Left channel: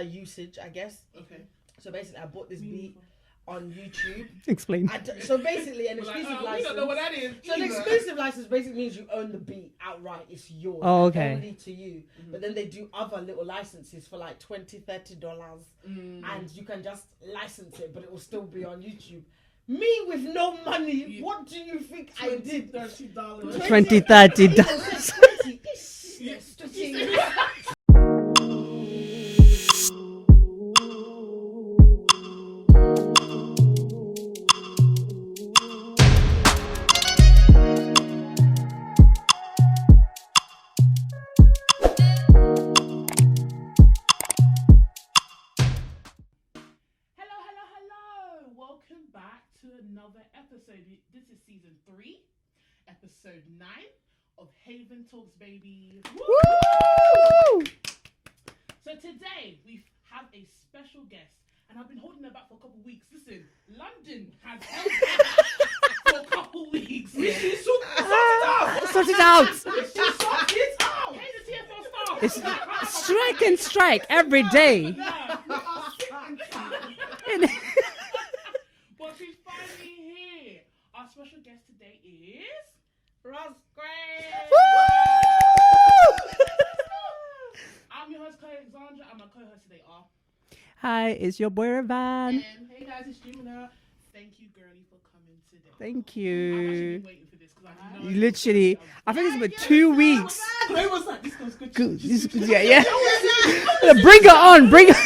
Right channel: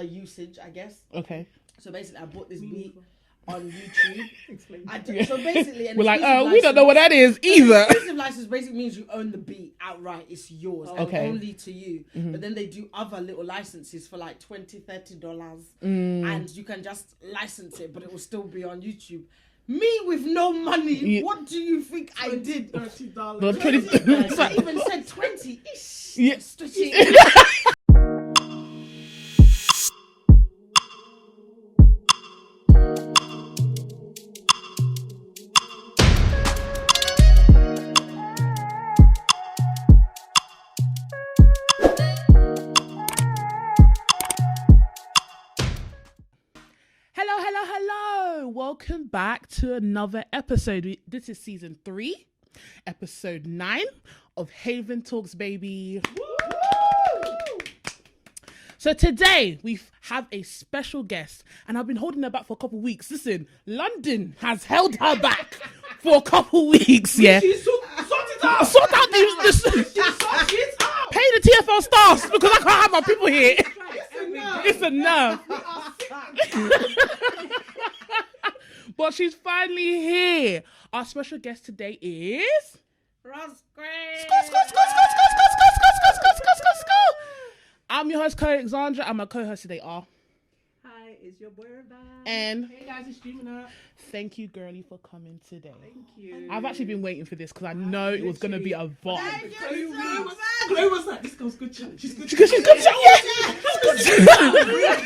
usage, I guess. Okay. So basically, I bought this beat on YouTube. Explain. So basically, we're like, we don't know what that is either. Exclusive license basically means you own the beat outright. It's yours. Only to you. But then they do other little licenses for like $20-$30. And you can just license it, but it will still be on YouTube. Me with no money, what do you think I did? $20-$30. Yes. Hello. Welcome back to another episode. This is season 3, episode 9 of Haven Talks, baby. Woo! So today we have a special guest, and I've been holding her back for a couple of weeks. Listen, London has held her back for a couple of weeks. Yeah. Sort it out. Pay the TFL staff because I can't have my people here. Strike every day. Listen, no. But she's finally here. Our special guest today is Rozzzqween. I'm your host, Alexandra, and my co-host today are. Hi, it's your boy Ravan. And hey guys, it's Jimina. thank you, girlie, for coming today. Thank you. I've actually been waiting for this because I know literally. it's going to be a vibe. I think it's been 2 weeks. It was like, this goes good. Yeah. Bring it on. Bring it.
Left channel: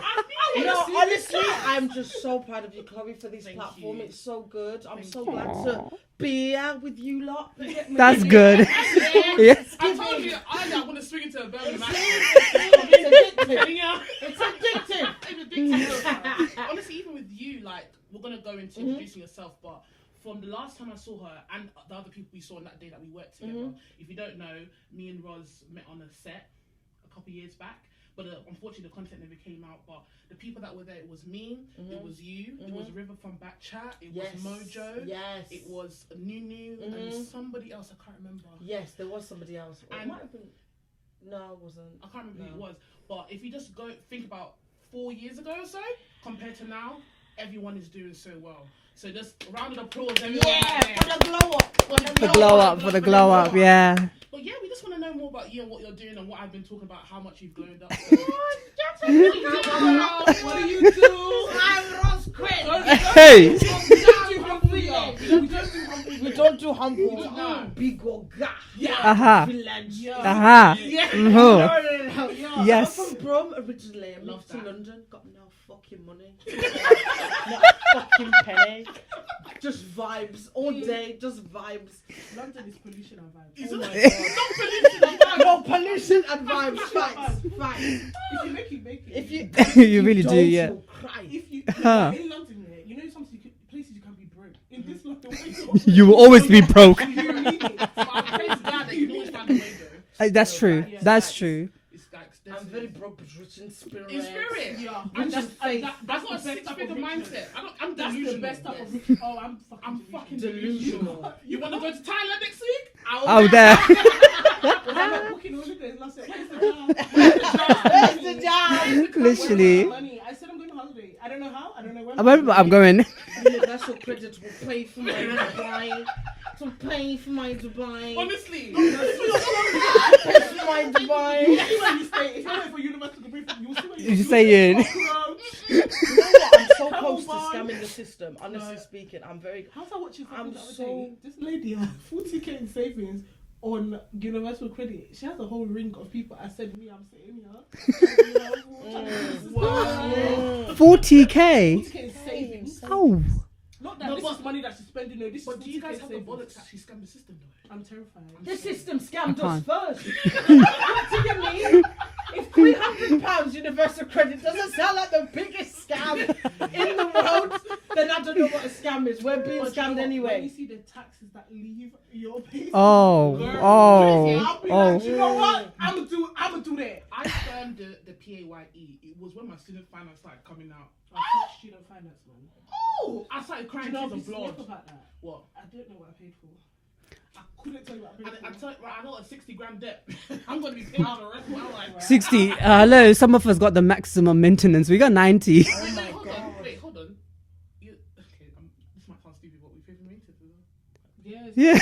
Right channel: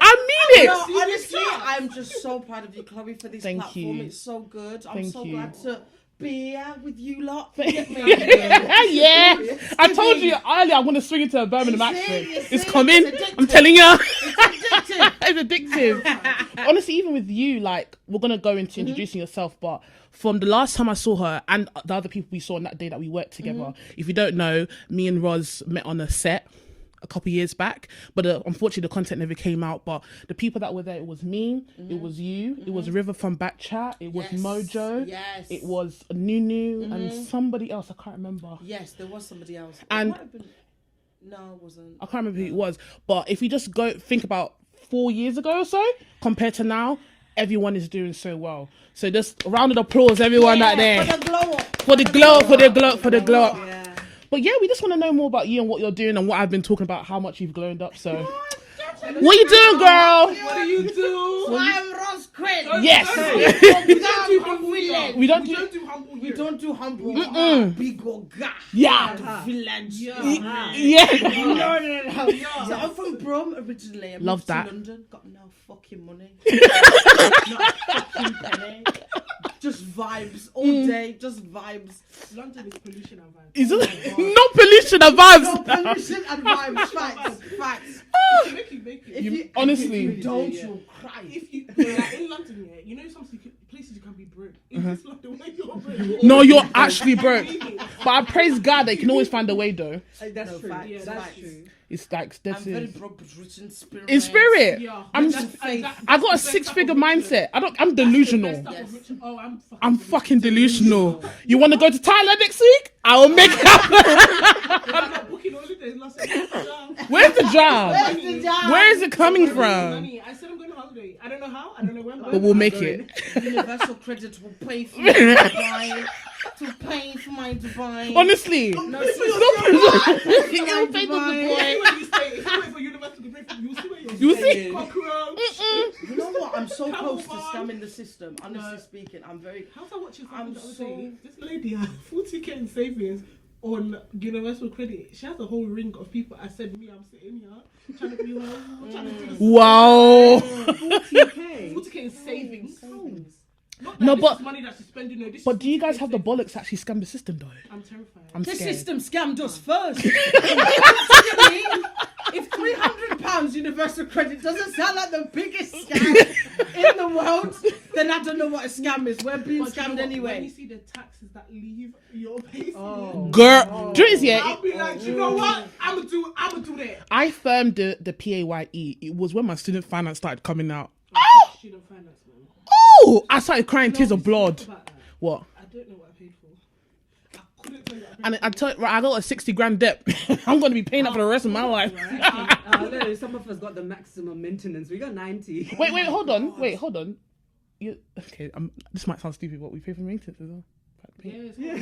I mean it. No, honestly, I'm just so proud of you, Chloe, for this Thank platform. you. It's so good. I'm Thank so you. glad to be here with you lot. That's good. Yeah. I told you earlier I'm going to swing into a Birmingham accent. It's coming. I'm telling you. It's addictive. Honestly, even with you, like, we're going to go into introducing yourself, but from the last time I saw her and the other people we saw on that day that we worked together, if you don't know, me and Roz met on a set a couple years back, but unfortunately the content never came out. But the people that were there, it was me, it was you, it was River from Backchat, it was Mojo, it was Nunu, and somebody else, I can't remember. Yes, there was somebody else. And it might have been... No, it wasn't. I can't remember who it was, but if you just go think about 4 years ago or so compared to now, everyone is doing so well. So just a round of applause, everyone out there. For the glow up. For the glow up. Yeah. But yeah, we just want to know more about you and what you're doing and what I've been talking about, how much you've glowed up. So, what you doing, girl? What do you do? I'm Rozzzqween. Yes. Hey. We don't do humble. Big old guy. Yeah. Villains. Yeah. No. Yes. I'm from Brum originally. I Love moved to that. London. Got no fucking money. Not a fucking penny. Just vibes all day. Just vibes. London is pollution and vibes. Is it? No pollution and vibes. No pollution and vibes. Facts. If you make it. Honestly, you really do, yeah. If you in London, yeah, you know some places you can be broke. In this London, You will always be you're broke. actually broke. But I praise God that you can always find a way, though. That's true. yeah, That's facts. true. It's like I'm that's very it. broke, but rich in spirit. In spirit, yeah. I'm That's faith. I got a 6-figure mindset. I'm delusional. Oh, I'm fucking delusional. You want to go to Thailand next week? I'll make there. Where's the job? Where's the job? Where is it coming Literally. from? Money. I said I'm going to holiday. I don't know how. I don't know when. I'm going. Universal credit will pay for my Dubai. To pay for my Dubai. Honestly, When you stay, if you wait for university to pay for you, will see You saying? You know what? I'm so close to scamming the system. Honestly speaking, I'm very. How's I watching I'm something so. This lady had 40k in savings on universal credit. She has a whole ring of people. I said, me, I'm sitting here. wow. 40k. 40k in savings. Oh. Not that No, this but- is money that she's spending. No, this But is do you guys 40K have the savings. bollocks to actually scam the system though? I'm terrified. I'm The scared. system scammed us can't. first. If £300 universal credit doesn't sound like the biggest scam in the world, then I don't know what a scam is. We're being But you know scammed what? When you anyway. see the taxes that leave your pay, Oh. Girl, Oh. do you know this, yeah? I'll be like, you know what? I'm gonna do that. I firmed the PAYE. It was when my student finance started coming out. Student finance, man. Oh, I started crying tears of blood. About that. What? I don't know what I paid for. Couldn't tell you what And I tell you, right, I got a 60 grand debt. I'm going to be paying that for the rest of my life. 60. Hello, some of us got the maximum maintenance. We got 90. Wait, hold on. Okay, this might sound stupid, but we pay for maintenance as well. Yeah.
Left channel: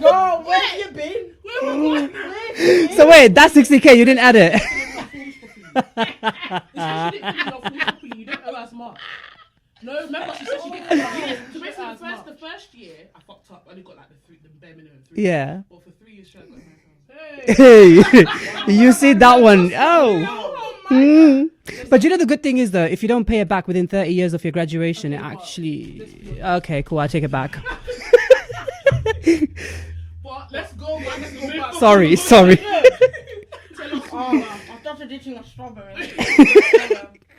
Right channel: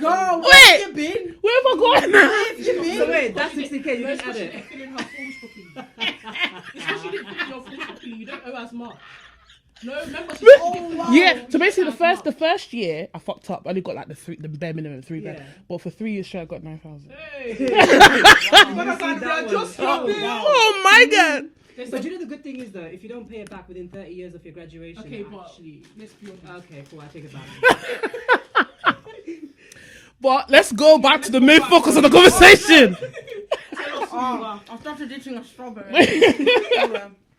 Go, where have you been? Where am I going? So wait, that's 60k. You didn't add it. You don't owe us much. No, remember. Yeah, so basically the first year I fucked up. I only got like the bare minimum 3. Yeah. But for 3 years straight I got 9,000. Hey, you see that one? Oh my god! But you know the good thing is though, if you don't pay it back within 30 years of your graduation, it actually. Okay, cool. I take it back. But let's go back to the main focus of the conversation. I've started eating a strawberry.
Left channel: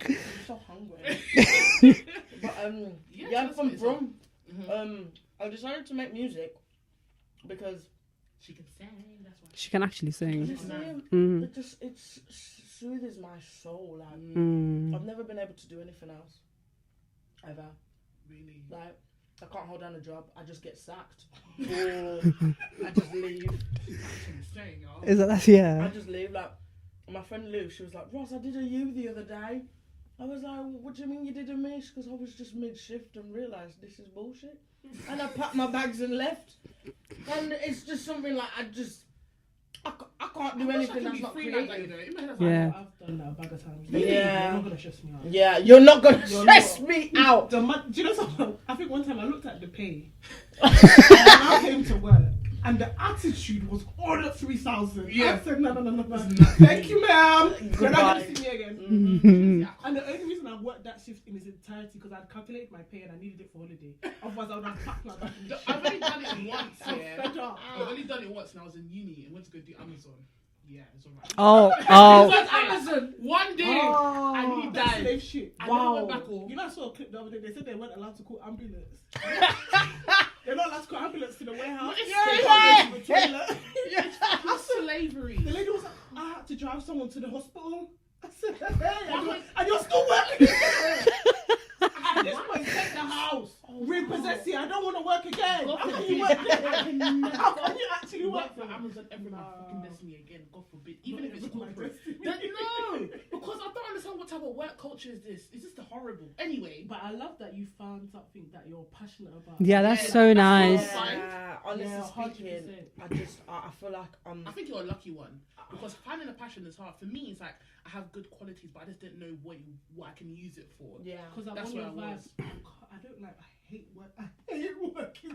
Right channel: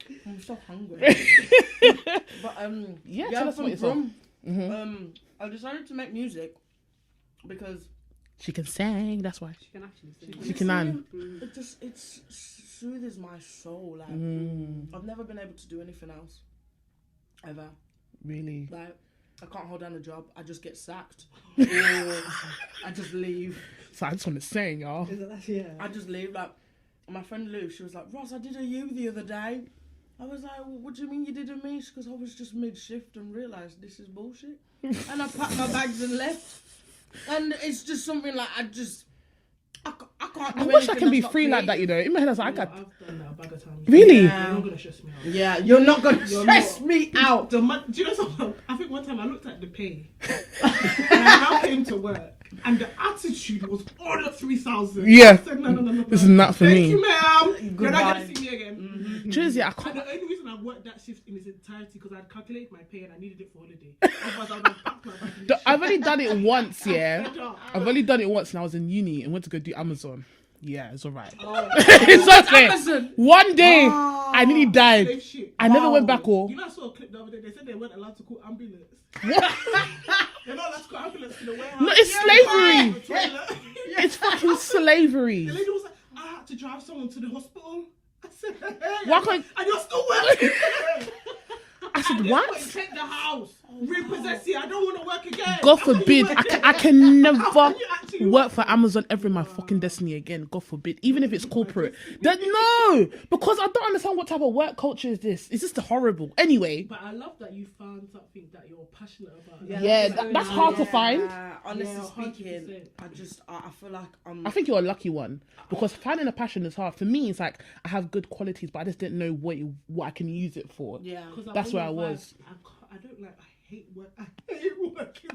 I'm so hungry. But tell us about yourself. I decided to make music because She can sing. That's why She can actually sing. she can. it soothes my soul. Like I've never been able to do anything else ever. Really. Like I can't hold down a job. I just get sacked, or I just leave. So I just want to sing, y'all. Is that yeah? I just leave. Like my friend Lou, she was like, "Ross, I did a you the other day." I was like, "What do you mean you did a me?" Because I was just mid-shift and realised this is bullshit. And I packed my bags and left. And it's just something like I can't. I wish I can be free like that, you know. In my head, I was like, Yeah. I I've can. done that a bag of times. Really? Yeah. You're not gonna stress me out. Yeah, you're not gonna stress me out. Do you know something? I think one time I looked at the pay and I came to work and the attitude was all at 3,000. Yeah. I said, no. This is not for Thank me. you, ma'am. You're Goodbye. not gonna see me again. Seriously, I And can't. the only reason I worked that shift in its entirety because I'd calculated my pay and I needed it for holiday. Otherwise, I would have packed my bag and I've only done it once, yeah. shit up. I've only done it once, and I was in uni and went to go do Amazon. Yeah, it's alright. Oh, It's okay. One day, I nearly Same died. shit. I never went back home. You know, I saw a clip the other day. They said they weren't allowed to call ambulance. They're not allowed to call ambulance to the warehouse. No, it's slavery. Toilet. It's fucking slavery. The lady was like, I had to drive someone to the hospital. I said, hey, Why can't- and you're still working. I said, what? Take the house. Repossess it. I don't want to work again. God How can you forbid. work I again? can How never can you actually work for Amazon ever in my fucking destiny again. God forbid. Even if it's corporate. No! Because I don't understand what type of work culture is this. It's just horrible. Anyway. But I love that you found something that you're passionate about. yeah, that's so that's hard to nice. find. Honestly Yeah, speaking, 100%. I feel like I think you're a lucky one. Because finding a passion is hard. For me, it's like I have good qualities, but I just didn't know what I can use it for. yeah. That's where I was. I don't like. I hate work. I hate working.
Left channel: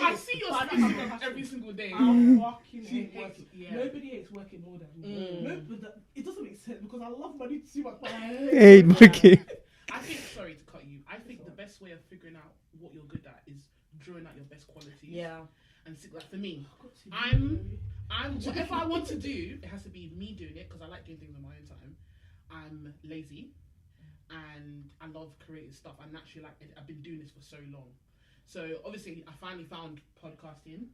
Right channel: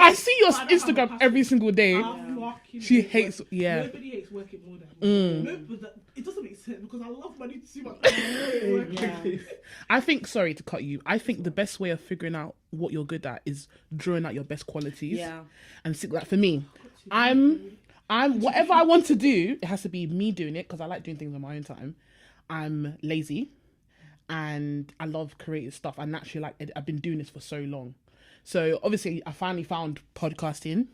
I see your Instagram every single day. She hate hates, work. yeah. Nobody hates working more than me. No, but it doesn't make sense because I love money too much. Hey, okay. I think, sorry to cut you, I think the best way of figuring out what you're good at is drawing out your best qualities. Yeah. And see, like for me, I'm whatever I want to do, it has to be me doing it because I like doing things on my own time. I'm lazy and I love creative stuff. And naturally, like I've been doing this for so long. So obviously I finally found podcasting,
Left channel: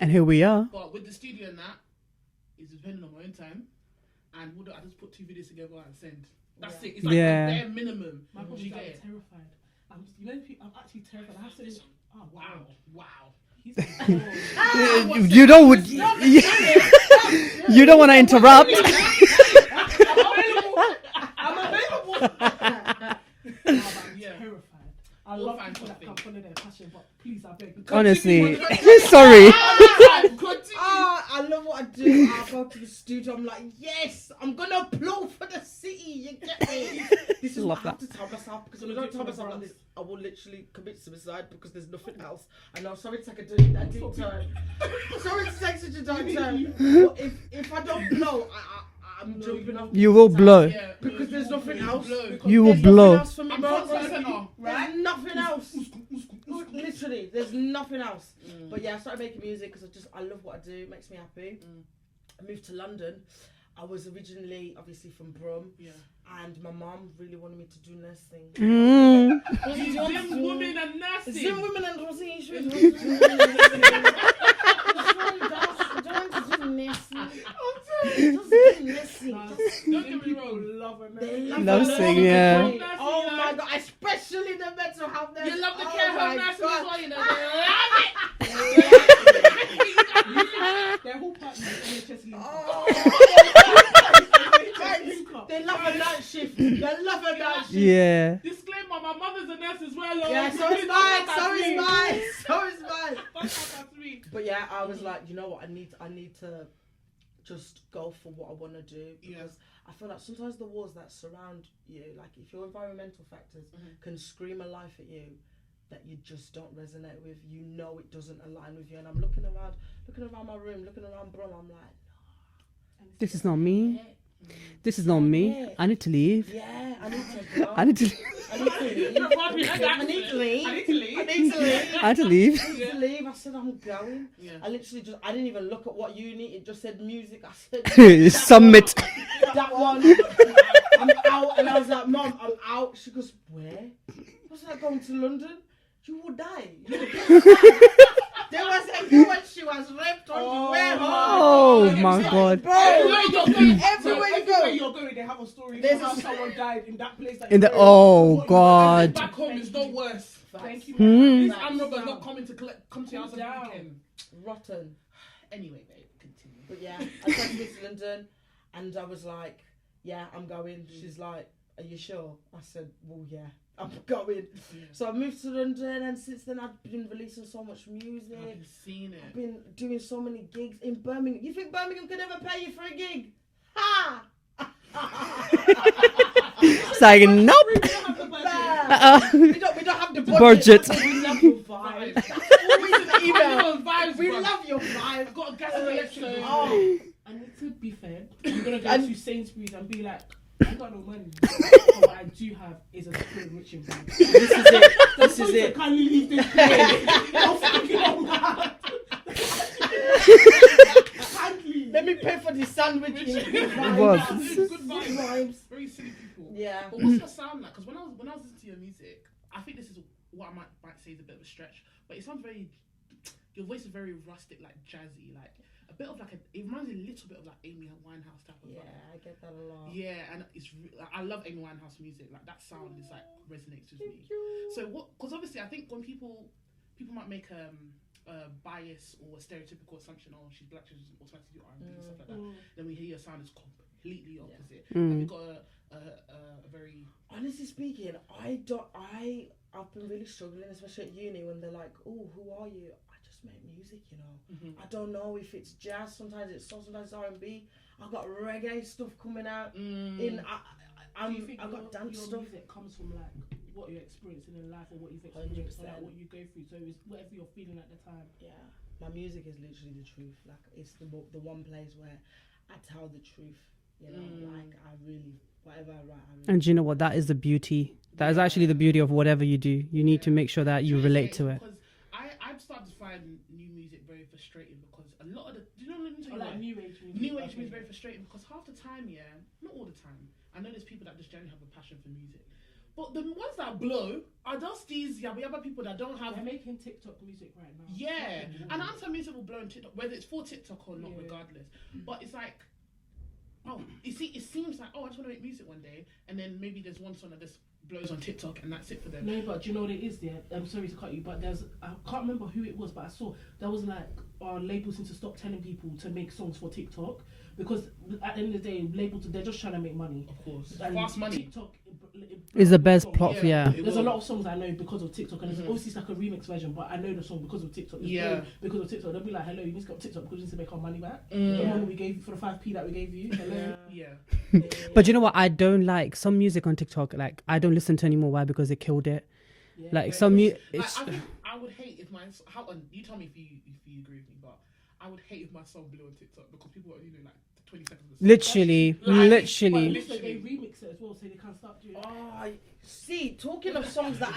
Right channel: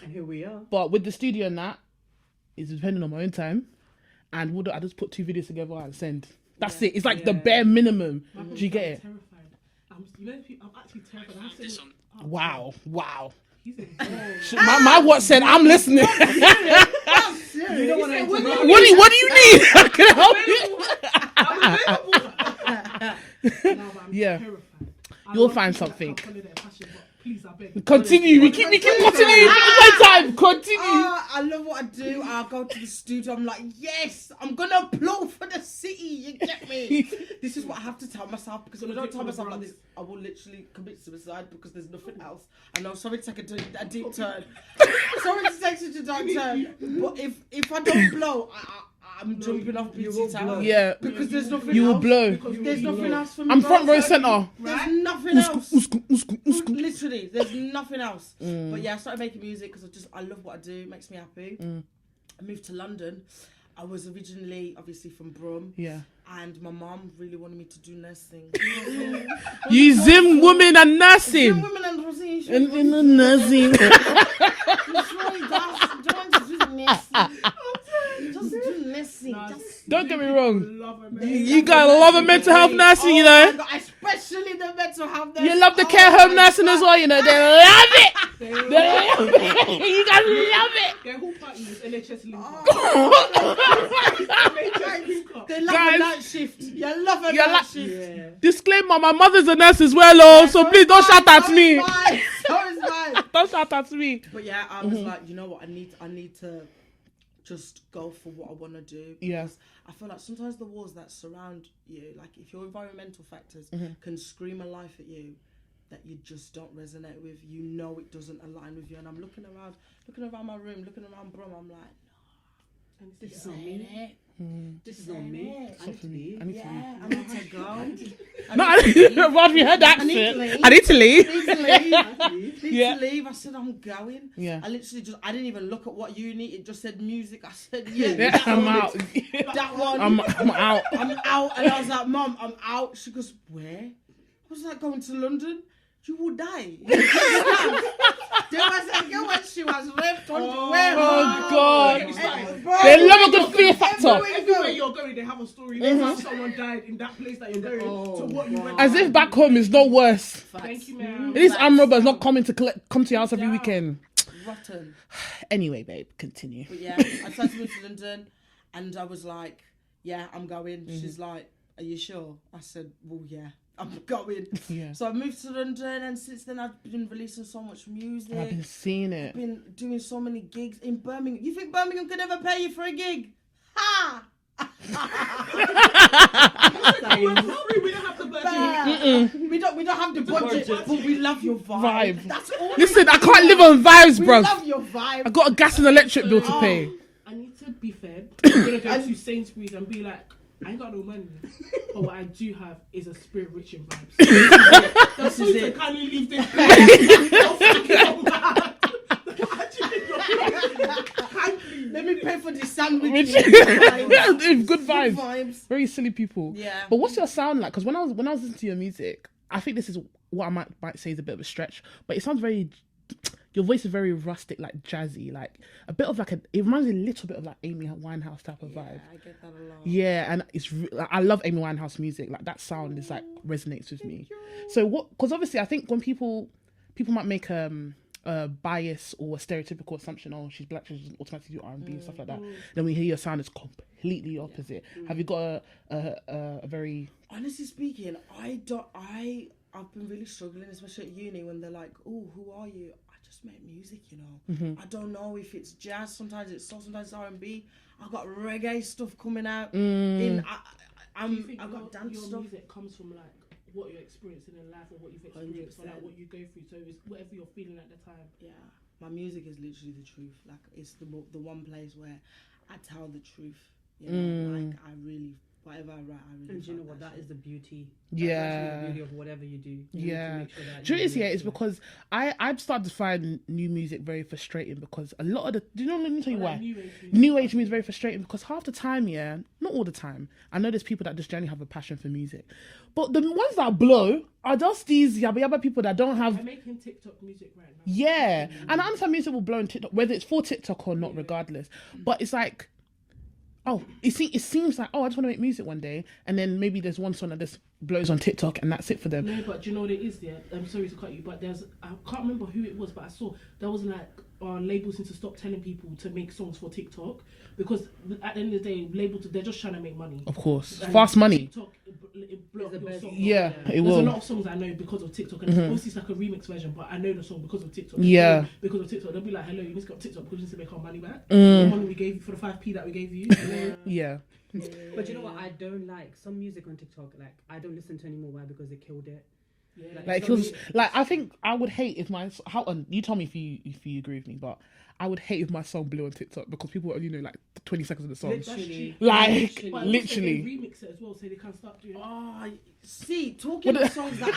And here we are. but with the studio and that, it's depending on my own time. And I just put 2 videos together and send. That's it. It's like the Yeah. bare minimum. Do you get it? Terrified. I'm actually terrified. I have to. Wow. He's My watch said, You don't I'm listening. You don't want to interrupt. What do you mean? I can help you. I'm available. Yeah. Terrified. You'll find something. Please, I beg. Continue. Honestly. We keep Sorry. time. Continue. I love what I do. I go to the studio. I'm like, yes, I'm gonna applaud for the city. You get me? This is what I have to tell myself because if I don't tell myself like this, I will literally commit suicide because there's nothing else. I know. Sorry to take a deep turn. Sorry to take such a dark turn. But if I don't blow, I'm jumping off. You will blow. Yeah. because there's nothing You else. will blow. You will There's nothing blow. else for me, I'm bro. front row centre. There's nothing else. Usku. Literally, there's nothing else. But yeah, I started making music because I love what I do. It makes me happy. I moved to London. I was originally obviously from Brum. Yeah. And my mom really wanted me to do nursing. You Zim women and nursing. Some women and nursing. And in the nursing. Just do nursing. Listen, Don't get me wrong. You You guys love a mental health nursing, you know. God, especially the mental health nursing. You love the care home nursing as well, you know. They love it. You guys love it. Their whole party is NHS link. They love Guys. a night shift. They love a night shift. Yeah. Disclaimer: my mother's a nurse as well, oh. So please don't shout at me. So is mine. Don't shout at me. But yeah, I was like, you know what? I need to just go for what I want to do. Yeah. Because I feel like sometimes the walls that surround you, like if your environmental factors can scream a life at you that you just don't resonate with, you know it doesn't align with you. And I'm looking around my room, looking around Brum, I'm like, This is not me. This is not me. I need to leave. yeah, I need to go. I need to. No, Rob, you heard that I need to shit. leave. I need to leave. I need to leave. I need to leave. I need Yeah. to leave. I said I'm going. Yeah. I literally I didn't even look at what uni. It just said music. I said Summit. that one. I'm out. I'm out. And I was like, Mom, I'm out. She goes, where? I was like, going to London. You will die. There was a girl when she was raped on the way Oh home. my God. They love a good fear factor. Everywhere you're going, they have a story. They have someone died in that place. That In the you're going. oh God. As if back home is not worse. Thank you. Hmm. These arm robbers not coming to come to your house every weekend. Rotten. Anyway, babe, continue. But yeah, I tried to move to London and I was like, yeah, I'm going. She's like, are you sure? I said, well, yeah, I'm going. Yeah. So I moved to London and since then I've been releasing so much music. I've been seeing it. Been doing so many gigs in Birmingham. You think Birmingham could ever pay you for a gig? Ha! Saying nope. We don't have the budget. Budget. But we love your vibe. Vibe. That's all we Listen, I need. can't live on vibes, We bruv. love your vibe. I got a gas and electric bill to pay. I need to be fair. I'm gonna go to Sainsbury's and be like, I ain't got no money. But what I do have is a spirit rich in vibe. This is it. Can you leave this place? Don't fucking mad. Let me pay for the sandwich. Yeah, dude, good vibes. vibes. Very silly people. Yeah. But what's your sound like? Because when I was listening to your music, I think this is what I might say is a bit of a stretch, but it sounds very. Your voice is very rustic, like jazzy, like a bit of like it reminds me a little bit of like Amy Winehouse type of vibe. I get that a lot. Yeah, and like, I love Amy Winehouse music. Like that sound is like resonates with me. So what? Because obviously, I think when people might make a bias or a stereotypical assumption, oh, she's black, she's automatically do R&B and stuff like that. Then when you hear your sound, it's completely opposite. Have you got a very Honestly speaking, I've been really struggling, especially at uni, when they're like, "Oh, who are you?" I just make music, you know. I don't know if it's jazz. Sometimes it's soul. Sometimes it's R&B. I got reggae stuff coming out. I got dance your stuff. music comes from like what you're experiencing in life or what you've experienced or like what you go through. So it's whatever you're feeling at the time. Yeah, my music is literally the truth. Like it's the one place where I tell the truth. You know, like I really whatever I write. And you know what? That is the beauty. That is actually the beauty of whatever you do. You need to make sure that you relate to it. Because I've started to find new music very frustrating because a lot of the... Do you know, let me tell you why. New age music is very frustrating because half the time, yeah, not all the time, I know there's people that just generally have a passion for music. But the ones that blow are just these yabba people that don't have... I'm making TikTok music right now. Yeah. And I understand music will blow on TikTok, whether it's for TikTok or not, regardless. But it's like... Oh, it seems like, oh, I just want to make music one day, and then maybe there's one song that just blows on TikTok, and that's it for them. No, but do you know what it is there? I'm sorry to cut you, but I can't remember who it was, but I saw there was like labels need to stop telling people to make songs for TikTok because at the end of the day, labels they're just trying to make money. Of course, fast money. TikTok Is the best songs. pop, Yeah, yeah. it There's will. a lot of songs I know because of TikTok, and obviously it's like a remix version, but I know the song because of TikTok. Yeah. Because of TikTok, they'll be like, "Hello, you need to go on TikTok because you need to make our money back." The money we gave you for the 5p that we gave you. Hello. Yeah. But you know what? I don't like some music on TikTok. Like I don't listen to anymore. Why? Because they killed it. Like Like, some, I think I would hate if my you tell me if you agree with me, but I would hate if my song blew on TikTok because people only know like 20 seconds of the song. literally, Like, literally. But also Literally. they remix it as well, so they can't stop doing it. Oh, see, talking of songs that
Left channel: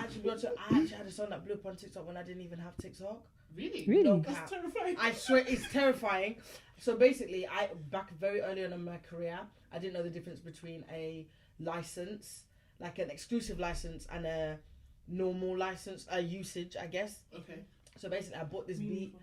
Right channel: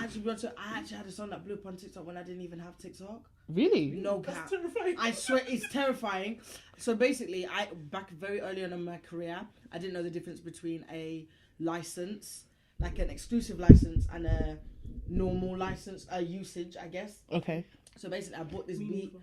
actually blew up, so I actually had a song that blew up on TikTok when I didn't even have TikTok. Really? No That's cap. terrifying. I swear it's terrifying. So basically, back very early on in my career, I didn't know the difference between a license, like an exclusive license, and a normal license, usage, I guess. Okay. So basically, I bought this beat.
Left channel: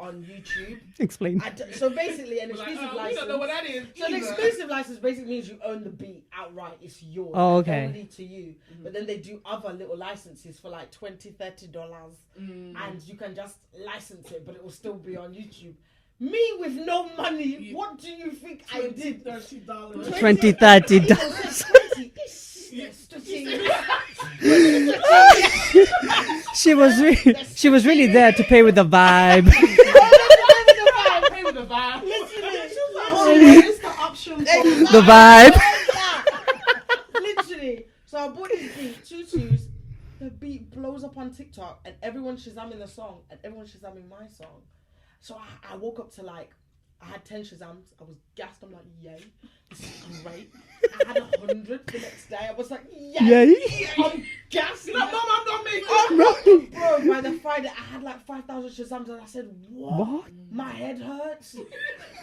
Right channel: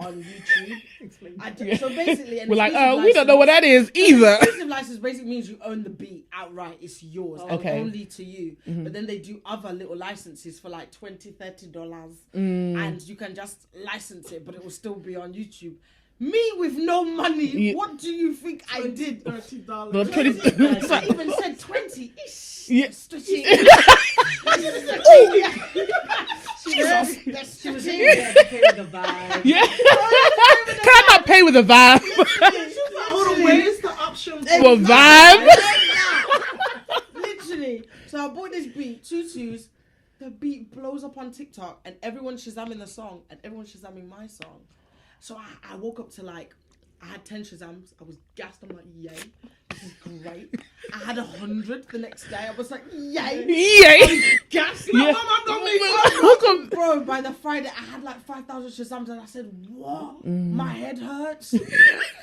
on YouTube. Explain. So basically, We're like, we don't know what that is either. An exclusive license basically means you own the beat outright. It's yours. Okay. Only to you. But then they do other little licenses for like $20, $30. And you can just license it, but it will still be on YouTube. Me with no money, what do you think I did? $30. $20, $30. 20. She was really there to pay with the vibe. Can I not pay with a vibe? Where's the option for The vibe. Literally. So I bought this beat, tutus. The beat blows up on TikTok, and everyone's shazamming the song, and everyone's shazamming my song. So I woke up to like, I had 10 shazams. I was gassed. I'm like, yay, this is great. I had 100 the next day. I was like, yay. Yay. Gassed. Yeah. Welcome. Bro, by the Friday, I had like 5,000 shazams, and I said, what? My head hurts.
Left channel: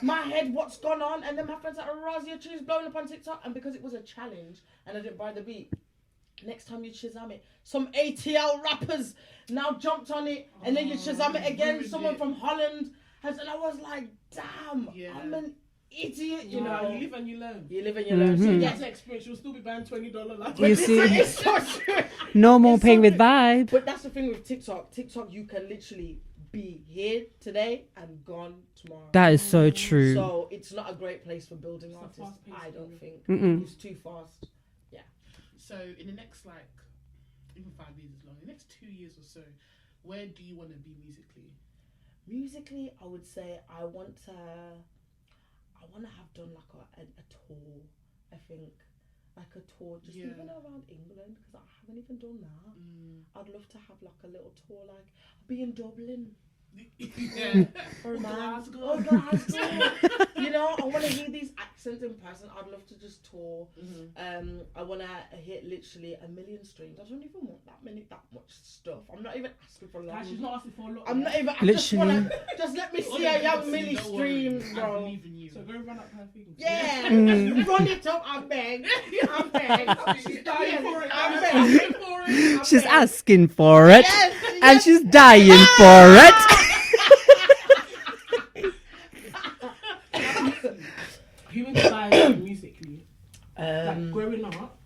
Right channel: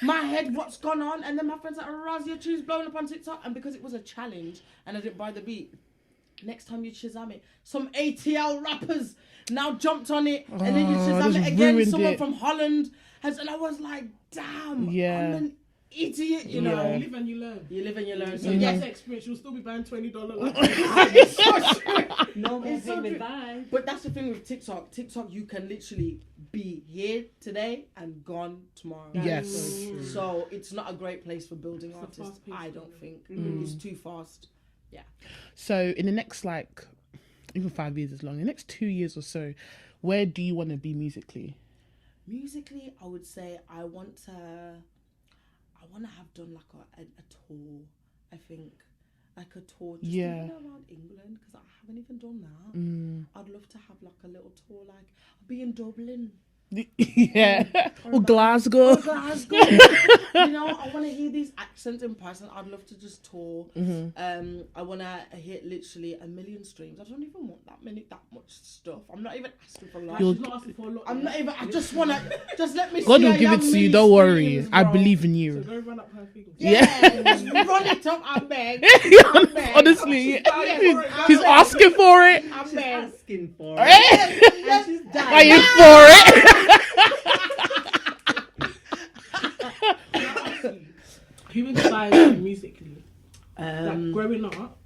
My head, what's gone on? And then my friends like, Rozz, your tune's blowing up on TikTok. And because it was a challenge, and I didn't buy the beat, next time you Shazam it, some ATL rappers now jumped on it, and then you Shazam it again. Someone from Holland has, and I was like, damn, I'm an idiot, you know. You live and you learn. You live and you learn. So Yes, yes, experience. You'll still be buying $20. You see? No more paying with vibe. But that's the thing with TikTok. TikTok, you can literally be here today and gone tomorrow. That is so true. So it's not a great place for building artists. I don't think it's too fast. So in the next like, even 5 years is long. In the next 2 years or so, where do you want to be musically? Musically, I would say I want to have done like a tour. I think like a tour just even around England, because I haven't even done that. I'd love to have like a little tour, like I'll be in Dublin. Yeah. Or Glasgow. You know, I want to hear these accents in person. I'd love to just tour. I want to hit literally 1 million streams. I don't even want that much stuff. I'm not even asking for a lot. She's not asking for a lot. I'm not even. I just want to just let me. God see will give it to you. Don't worry. I believe in you. So go run up her thing. Yeah. Run it up. I beg. Honestly, she's asking for it. She's asking for it, and she's dying for it. Who inspired you musically? Like growing up,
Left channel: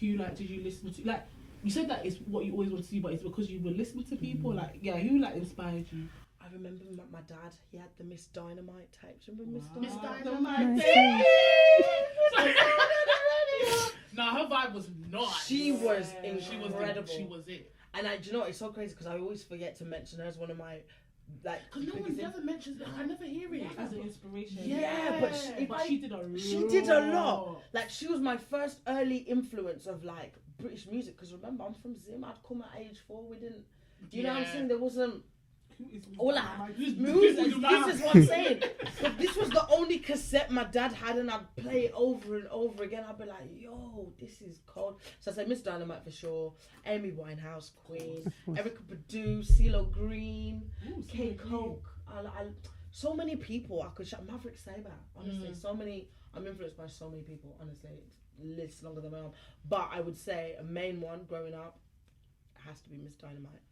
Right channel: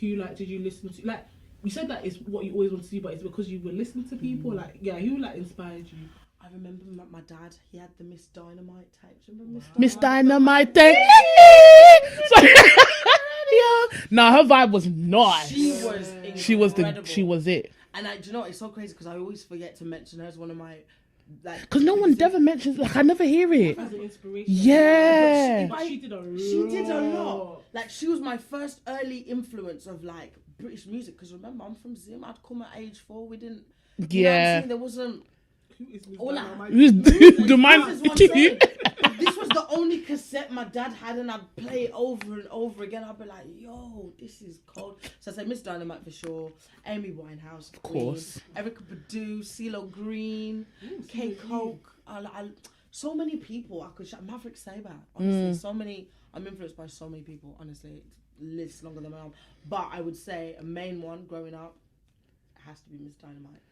who like did you listen to? Like you said that it's what you always want to do, but it's because you were listening to people. Like who like inspired you? I remember my dad. He had the Miss Dynamite tapes. Remember Miss Dynamite. No, her vibe was nice. She was incredible. She was it. And do you know what? It's so crazy because I always forget to mention her as one of my like. Because no one ever mentions, like, I never hear it. As an inspiration. Yeah. But she did a lot. She did a lot. Like, she was my first early influence of like British music. Because remember, I'm from Zim. I'd come at age 4. We didn't. You know what I'm saying? There wasn't. All this was the only cassette my dad had, and I'd play it over and over again. I'd be like, yo, this is cold. So I said Miss Dynamite for sure, Amy Winehouse, of course, Erica Badu, CeeLo Green, K Coke. So many people I could shout. Maverick Sabre, honestly, so many. I'm influenced by so many people, honestly. List longer than my own. But I would say a main one growing up has to be Miss Dynamite.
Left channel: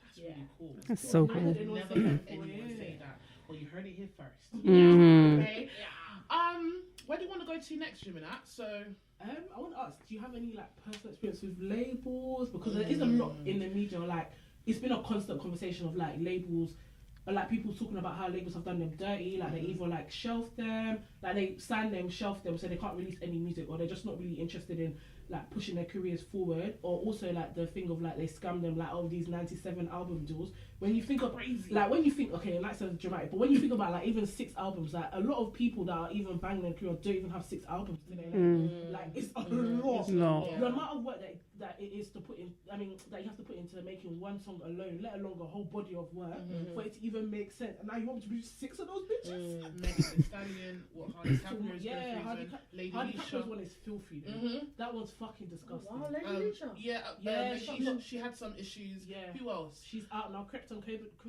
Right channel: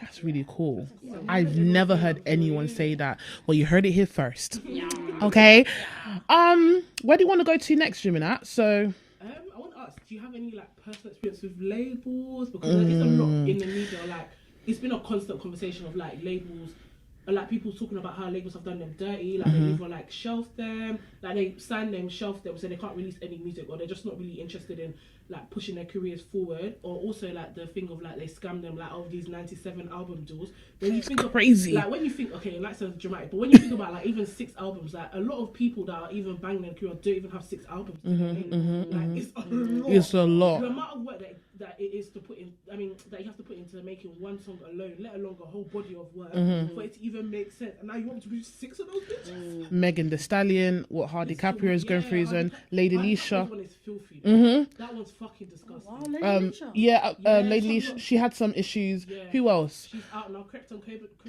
That's really cool. That's so cool. I've never heard anyone say that. Well, you heard it here first. Okay. Where do you want to go to next, Jiminat? So I want to ask, do you have any like personal experience with labels? Because there is a lot in the media. Like, it's been a constant conversation of like labels, like people talking about how labels have done them dirty. Like they either like shelf them, like they sign them, shelf them, so they can't release any music, or they're just not really interested in like pushing their careers forward. Or also like the thing of like they scam them like all these 97 album deals. When you think crazy. Like when you think, okay, like sounds dramatic, but when you think about like even 6 albums, like a lot of people that are even banging their career don't even have 6 albums. Like it's a lot. It's a lot. The amount of work that it is to put in, I mean, that you have to put into making one song alone, let alone a whole body of work for it to even make sense. And now you want me to produce 6 of those bitches? Megan Thee Stallion, what Hardy Caprio is going through his own. Lady Leisha. That one is filthy. That one's fucking disgusting. Wow, Lady Leisha. Lady Leisha, she had some issues. Yeah. Who else? She's out now. Krypton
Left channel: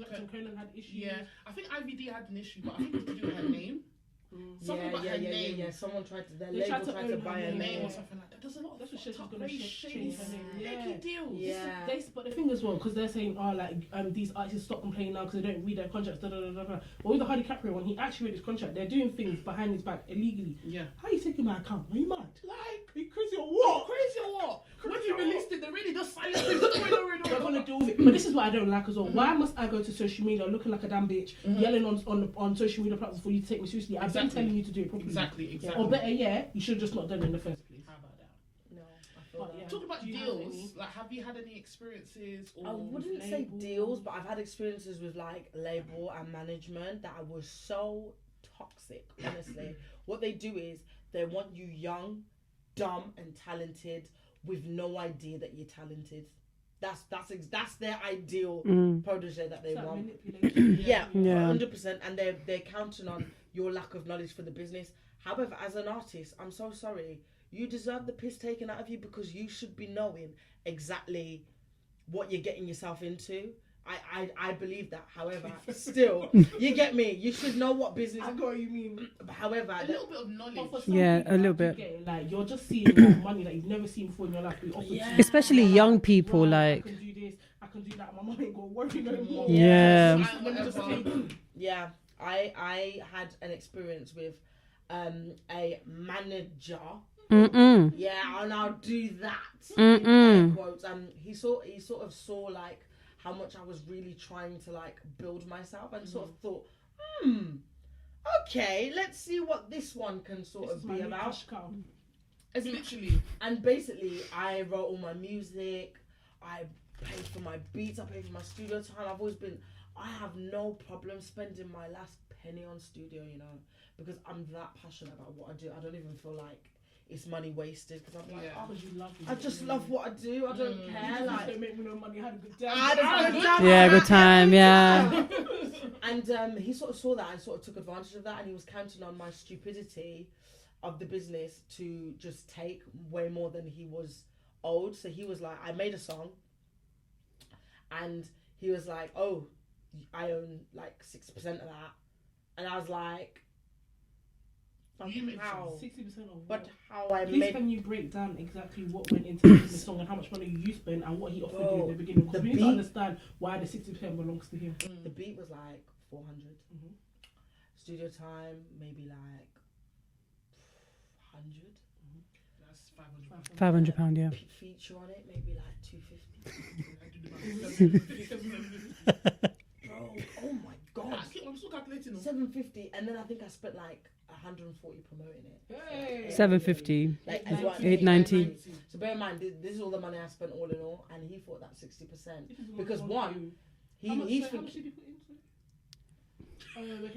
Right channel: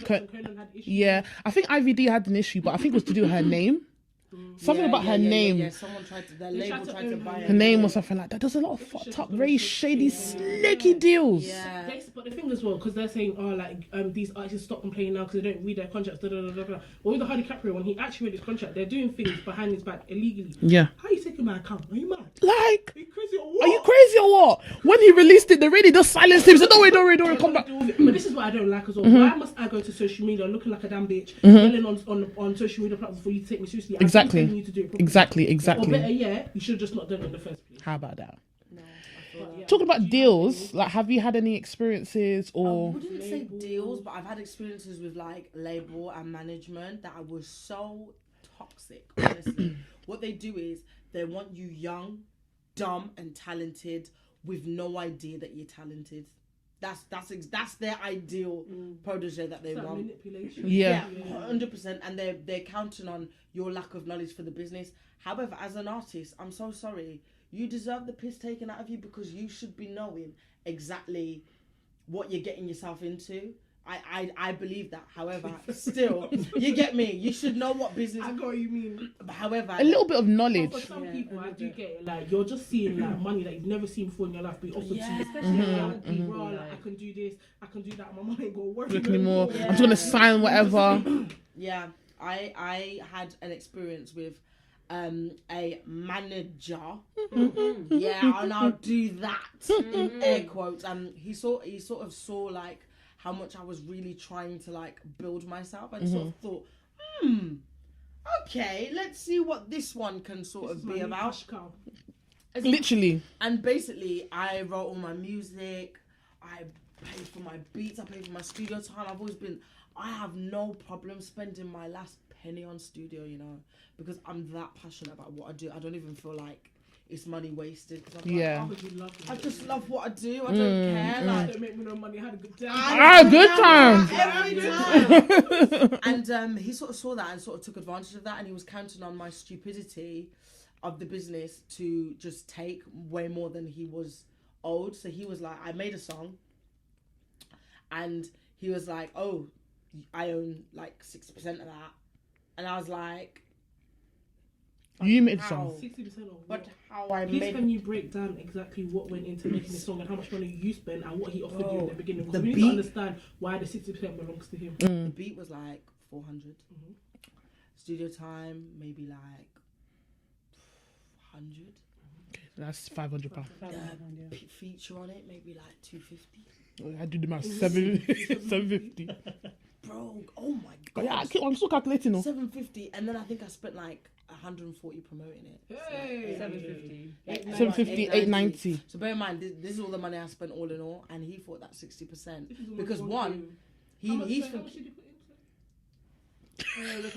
Conan had issues. Yeah, I think IVD had an issue, but I think it was to do with her name. Something about her name. Yeah. Someone their label tried to buy Her name or something like that. There's a lot of fucked up, very shady, slicky deals. Yeah. But the thing as well, because they're saying, these artists stop complaining now because they don't read their contracts. But with the Hardy Caprio, when he actually read his contract, they're doing things behind his back illegally. Yeah. How are you taking my account? Are you mad? Like, Are you crazy or what? are you crazy or what? When he released it, they really just silenced him. Said, don't worry, come back. But this is what I don't like as well. Why must I go to social media looking like a damn bitch, yelling on social media platforms for you to take me seriously? Exactly. I'm you to do it properly. Exactly. Or better, you should have just not done it in the first place. How about that? No, I feel that. Talking about deals, like, have you had any experiences I or? wouldn't say deals, but I've had experiences with like label and management that was so toxic. Honestly, what they do is they want you young, dumb, and talented with no idea that you're talented. That's their ideal protege that they want. Yeah. 100%, and they're counting on your lack of knowledge for the business. However, as an artist, I'm so sorry. You deserve the piss taken out of you because you should be knowing exactly what you're getting yourself into. I believe that. However, still, you get me. You should know what business. I got what you mean. However, A little bit of knowledge. Yeah, a little bit. Like you're just seeing like money that you've never seen before in your life be offered to you. Especially young people, I like. can do this, I can do that. My money ain't gonna work Look anymore. Yeah. I'm gonna sign whatever. yeah, I had an experience with a manager. Yeah, and I'll do that. Air quotes. And he sort of saw like how much I was really trying to like build myself, and sort of thought, okay, let's see what this one can sort of be about. Literally. And basically, I wrote all my music. I paid for my beats. I paid for my studio time. I have no problem spending my last penny on studio, you know, because I'm that passionate about what I do. I don't even feel like it's money wasted. Cause I just love what I do. I don't care. Like, don't make me no money. I had a good time. Good time. And he sort of saw that and sort of took advantage of that, and he was counting on my stupidity of the business to just take way more than he was owed. So he was like, I made a song, and he was like, oh, I own like 60% of that. And I was like, you made a song. 60% of what? But how I Please made. can you break down exactly what went into making the song and how much money you spent and what he offered you in the beginning? Because we need to understand why the 60% belongs to him. The beat was like 400. Studio time maybe like 100. That's £500. £500, yeah. Feature on it maybe like 250. I do the math. 750. Bro, oh my god. Yeah, I'm still calculating. 750, and then I think I spent like 140 promoting it. Hey. 750. Like 750, 890. So bear in mind, this is all the money I spent all in all, and he thought that 60%. Because one, he's how much did you put into it?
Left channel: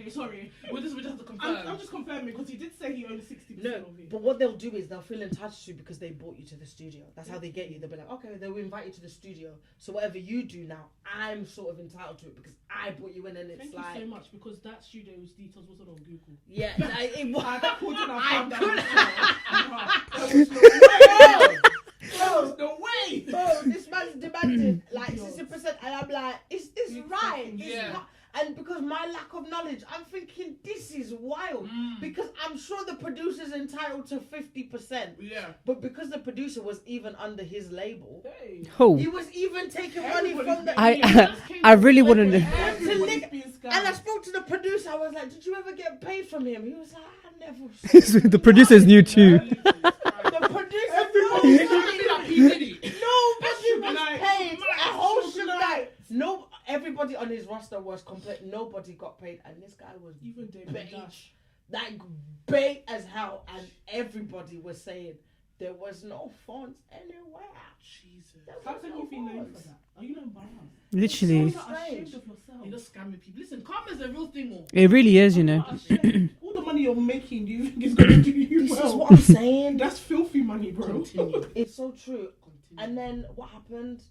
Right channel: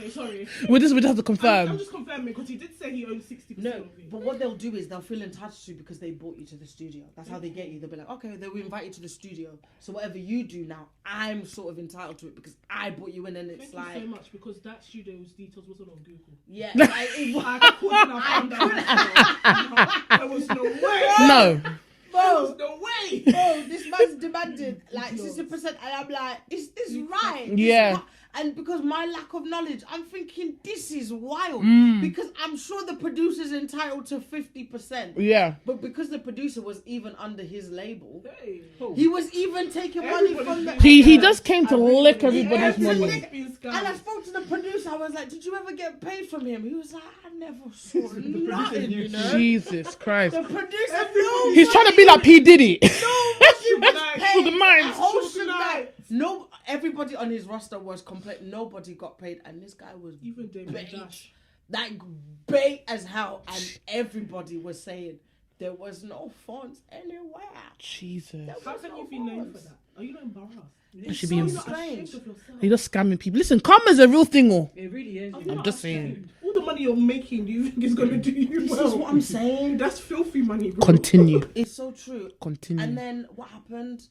Okay, sorry. We just have to confirm. I'm just confirming because he did say he owned 60% no, of it. but what they'll do is they'll feel attached to you because they brought you to the studio. That's how they get you. They'll be like, okay, they'll invite you to the studio. So whatever you do now, I'm sort of entitled to it because I brought you in, and it's Thank like. you so much because that studio's details wasn't on Google. Yeah, There was no way. No. Bro, No way. bro, this man's demanded like 60%, and I'm like, is this right? Yeah. And because my lack of knowledge, I'm thinking this is wild. Because I'm sure the producer's entitled to 50%. Yeah. But because the producer was even under his label, Oh. he was even taking money from the. He just came to really lick wouldn't- everybody's money. And I spoke to the producer. I was like, "Did you ever get paid from him?" He was like, "I never." Saw The producer's new too. Jesus Christ. The producer, He's trying to be like P. Diddy. nobody was For the paid. mind. That whole shit, like, no, everybody on his roster was complete. Nobody got paid, and this guy was Even David bait, Dash. like bait as hell, and everybody was saying there was no funds anywhere. Jesus. How can you be known for that? Are you not embarrassed? Literally. It's You're so not strange. ashamed of yourself. You're just scamming people. Listen, karma's a real thing, oh. It really is, you know. Just saying. All the money you're making, do you think is going to do you This well? is what I'm saying. That's filthy money, bro. Continue. It's so true. Continue. And then what happened?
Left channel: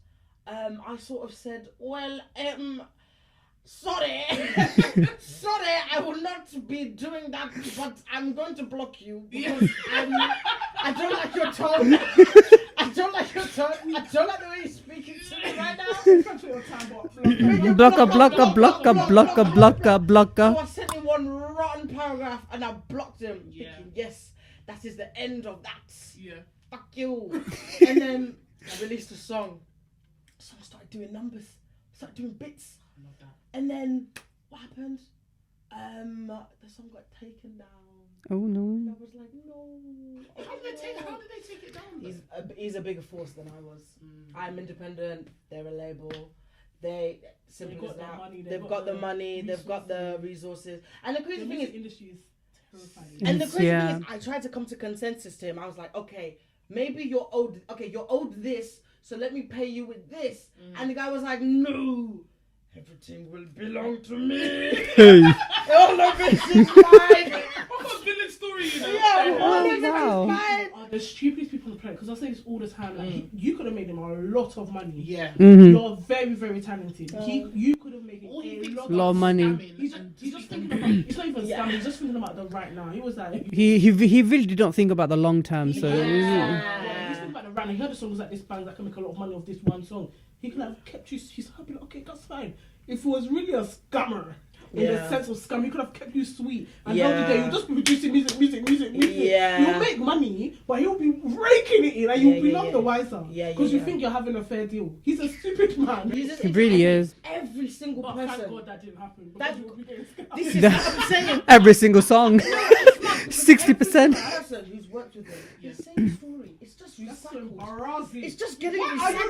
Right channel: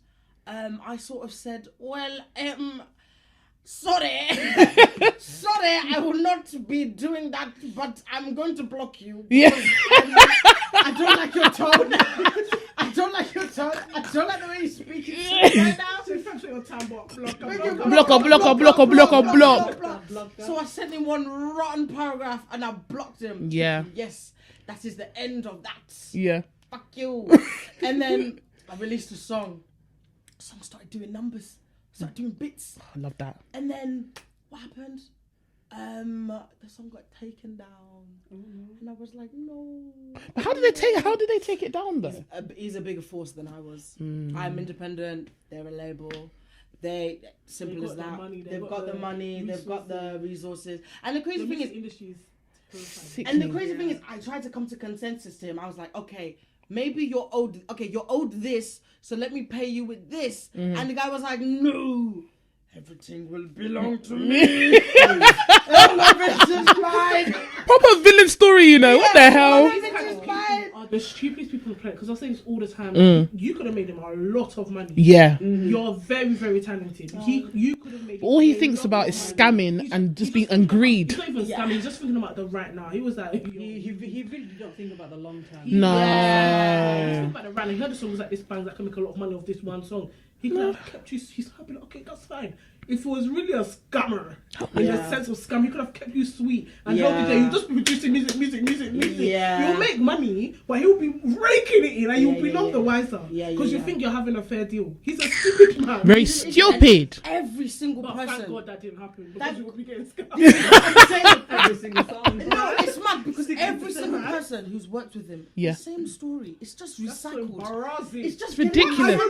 I sort of said, well, sorry, sorry, I will not be doing that, but I'm going to block you. Yeah. I don't like your tone. I don't like your tone. I don't like the way you speak it right now. Blocker. So I sent him one rotten paragraph and I blocked him. Yeah. Yes, that is the end of that. Yeah. Fuck you. And then I released a song. The song started doing numbers. Started doing bits. I love that. And then what happened? The song got taken down. Oh no. And I was like, no. How did they take it down though? He's a bigger force than I was. I'm independent. They're a label. Simple as that. They've got the money. They've got the resources. And the crazy thing is, I tried to come to consensus to him. I was like, okay, maybe you're owed. Okay, you're owed this, so let me pay you with this. And the guy was like, no. Everything will belong to me. All of it is mine. Proper villain story, you know. What the hell? Wow. The stupidest people on the planet, because I say this all the time. You could have made him a lot of money. Yeah. You're very, very talented. You could have made. All he thinks about is scamming and just being and greed. He's not even scamming. He's just thinking about the right now. He was like. He really did not think about the long term. No. So. He's thinking about the right. He heard the songs like this band that can make a lot of money off this one song. He could have kept you. He's happy. Okay, that's fine. If it was really a scammer, in the sense of scam, he could have kept you sweet and told you that you'll just be producing music. Yeah. You'll make money, but he'll be raking it in and you'll be none the wiser. Because you think you're having a fair deal. He's a stupid man. Very stupid. Every single But person. thank God that didn't happen. Because you would be getting scammed. Every single song. No, it's mad because 60%. every single person who's worked with him, Yeah. the same story. It's just That's so recycled. embarrassing. It's just ridiculous. over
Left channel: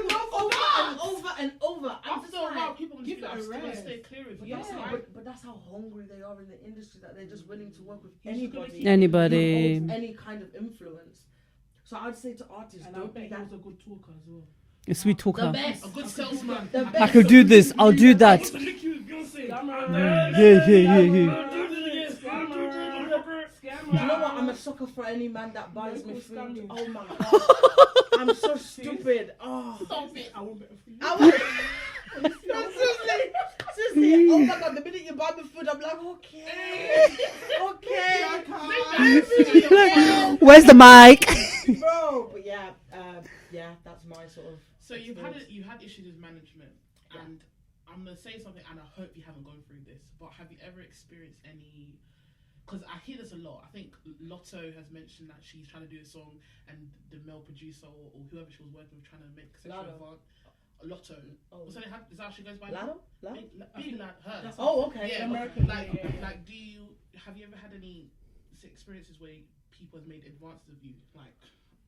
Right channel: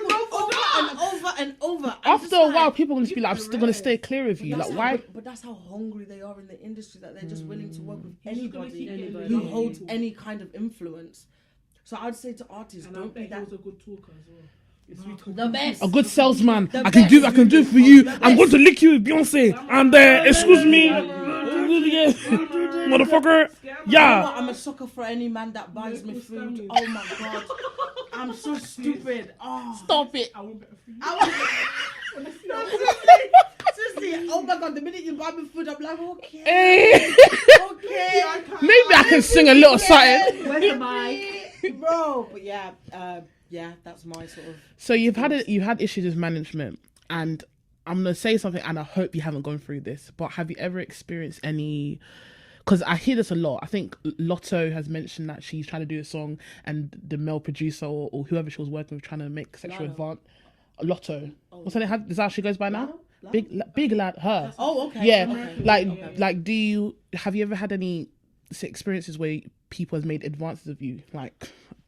and over and over. After a while, people are going to be like, I'm still going to stay clear of you. That's Like, how- why? But that's how hungry they are in the industry, that they're just willing to work with anybody. Anybody. Who holds any kind of influence. So I'd say to artists, And I don't be bet he that. was a good talker as well. A sweet talker. The best. A good salesman. The I can best. do, I could do this, for I'll you. do that. I'm going to lick you with Beyonce. And excuse me. Motherfucker. You know Yeah. what? I'm a sucker for any man that buys me food. Oh my god. I'm so stupid. Oh. Stop it. I won't bet for you. Seriously, oh my god, the minute you buy me food, I'm like, okay. Hey. Okay. Maybe I can sing a little something. Where's the mic? Bro, but yeah, that's my sort of. So you've had issues with management, and I'm gonna say something, and I hope you haven't gone through this. But have you ever experienced any? Because I hear this a lot. I think Lotto has mentioned that she's trying to do a song, and the male producer or whoever she was working with trying to make sexual advance. Lotto. What's her name? Is that how she goes by now? Big lad, her. Oh, okay. Yeah, Okay. like, have you ever had any experiences where people has made advances of you, like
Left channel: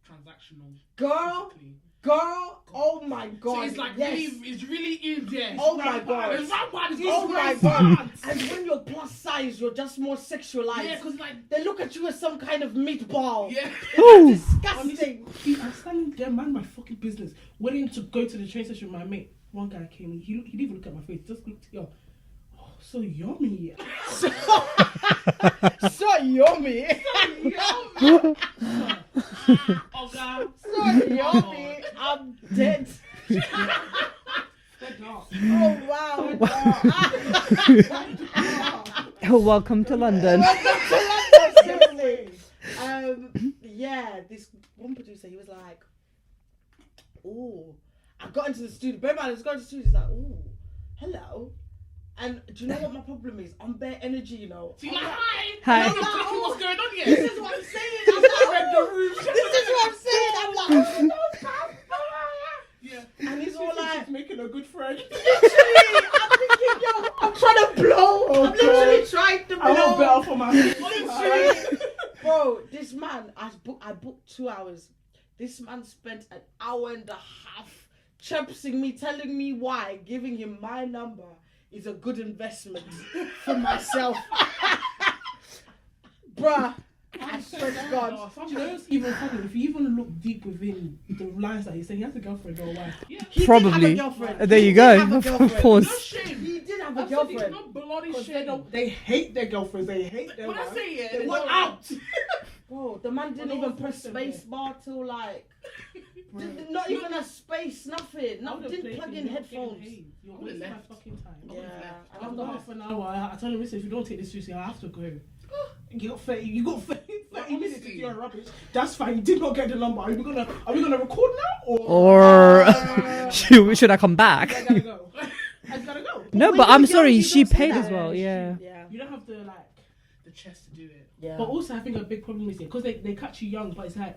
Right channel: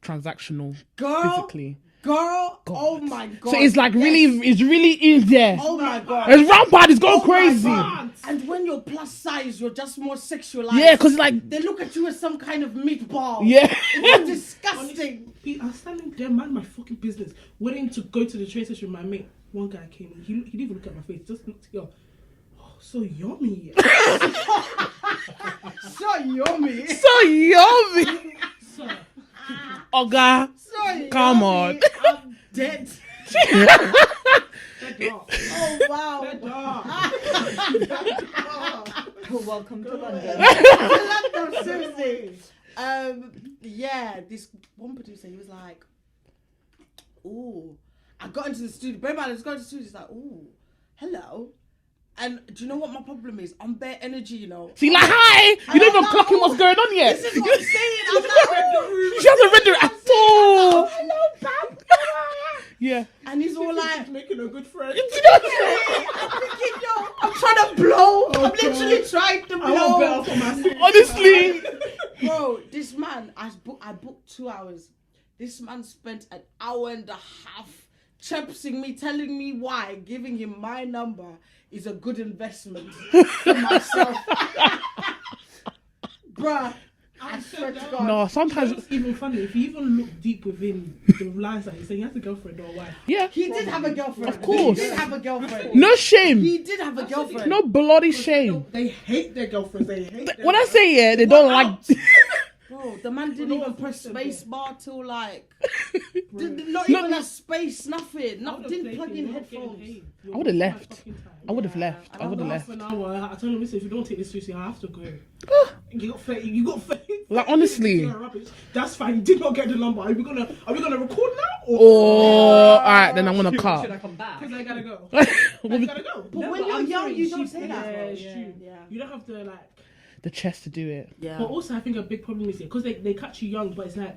transactional, physically? Girl, oh my god. So it's like yes. it's really in there. Oh my god. It's rampant. It's going Oh my crazy. God. And when you're plus size, you're just more sexualized. Yeah, because like they look at you as some kind of meatball. yeah. It's disgusting. I'm standing there, mind my fucking business, waiting to go to the train station with my mate. One guy came in, he didn't even look at my face, just looked here. Oh, so yummy. So yummy. So yummy. Oga, So come yummy. on. I'm dead. Oh wow. Welcome to London. Seriously. Yeah, this one producer, he was like, "Oh," I got into the studio. Bear in mind, I was going to the studio. He's like, "Oh, hello." And do you know what my problem is? I'm bare energy, you know. See, like, hi. You don't even clocking what's going on yet. This is what I'm saying. I've not read the room. She hasn't read it at all. Yeah. And he's all like, Making a good friend. I'm thinking, yo, I'm trying to blow. I'm literally trying to I want blow. better for my Honestly. Bro, this man, I booked 2 hours. This man spent an hour and a half chirping me, telling me why giving him my number is a good investment for myself. Bruh, I swear to God. No, sometimes. It's even funny if you even look deep within the lines that you say. He has a girlfriend or a wife. Yeah. He Probably. did have a girlfriend. There you He go. did have a Of girlfriend. course. No shame. He did have a girlfriend. No bloody shame. They hate their girlfriends. They hate. When I say yeah, they don't like. Bro, the man didn't no even one's press listening space there. bar till like, not even a space, nothing. Didn't plug in headphones. I would have left. I would have Yeah, left. I would have left. Half an hour. I told him, listen, if you don't take this seriously, I have to go. You got faith. You got faith. Like, honestly. That's fine. You did not get the number. Are we gonna record now? Or alright, then I'm gonna cut. Should I come back? I gotta go. I gotta go. No, when but you're I'm young, sorry. you She don't see paid that. as well. Yeah. You don't have to like. The chest to do it. Yeah. But also, I think a big problem is because they catch you young, but it's like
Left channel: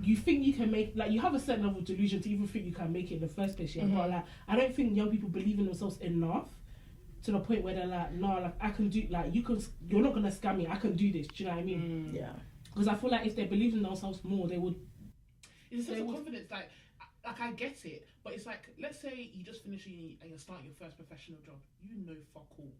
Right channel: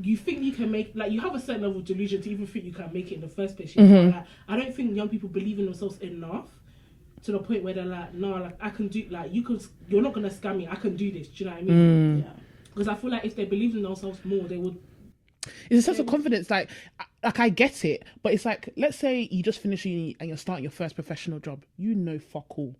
you think you can make, like, you have a certain level of delusion to even think you can make it in the first place. Mm-hmm. Like, I don't think young people believe in themselves enough to the point where they're like, no, like I can do, like you're not gonna scam me. I can do this. Do you know what I mean? Yeah. Because I feel like if they believed in themselves more, they would. It's a sense of confidence. Like I get it, but it's like, let's say you just finish uni and you're starting your first professional job. You know, fuck all.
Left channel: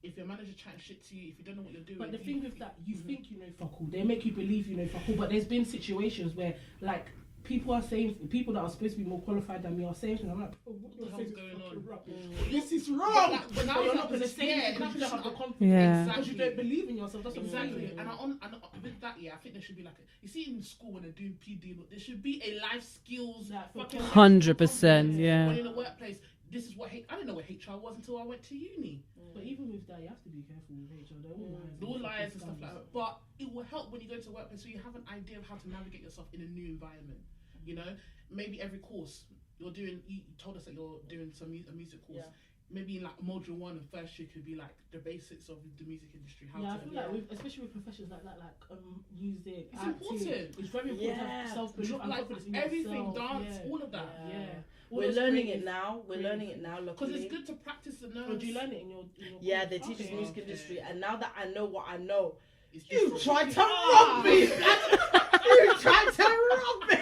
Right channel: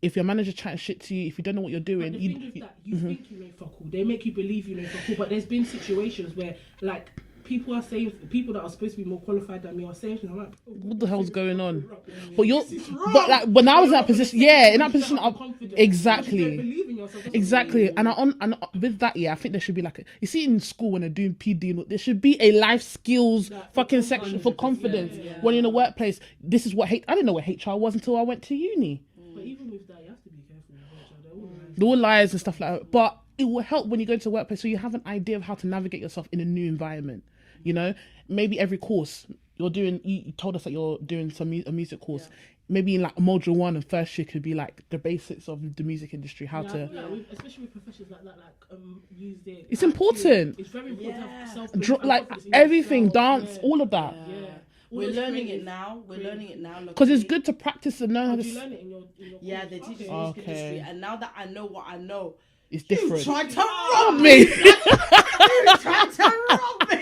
If your manager chatting shit to you, if you don't know what you're doing, But the thing is that you think you know fuck all. They make you believe you know fuck all. But there's been situations where like people are saying, people that are supposed to be more qualified than me are saying things. I'm like, what the hell's going on? But But you're, this is wrong. but like when I was in that You're not position, gonna say yeah, this in that because position, you don't have confidence. Yeah. Because you don't exactly. believe in yourself. That's what Exactly, it is. and with that, yeah, I think there should be like you see in school when they're doing PD, there should be a life skills fucking section for 100%, confidence. yeah. When you're in a workplace, this is what I didn't know what HR was until I went to uni. But even with that, you have to be careful with what you're doing. They're all lies and stuff like that. But it will help when you go to a workplace so you have an idea of how to navigate yourself in a new environment. You know, maybe every course you're doing. You told us that you're doing a music course. Yeah. Maybe in like module 1 and first year could be like the basics of the music industry, how Yeah, I to. feel like especially with professions like music. It's acting, important. It's very important to have Yeah. self-belief, Like confidence in everything, yourself. dance, Yeah. all of that. Yeah. All We're those learning it creative- now. We're learning it now. Because it's luckily. good to practice and know how Did to. you learn it in your Yeah, college? they teach us Okay. music industry, and now that I know what I know, It's you different. tried to rob Me. you tried to rob me.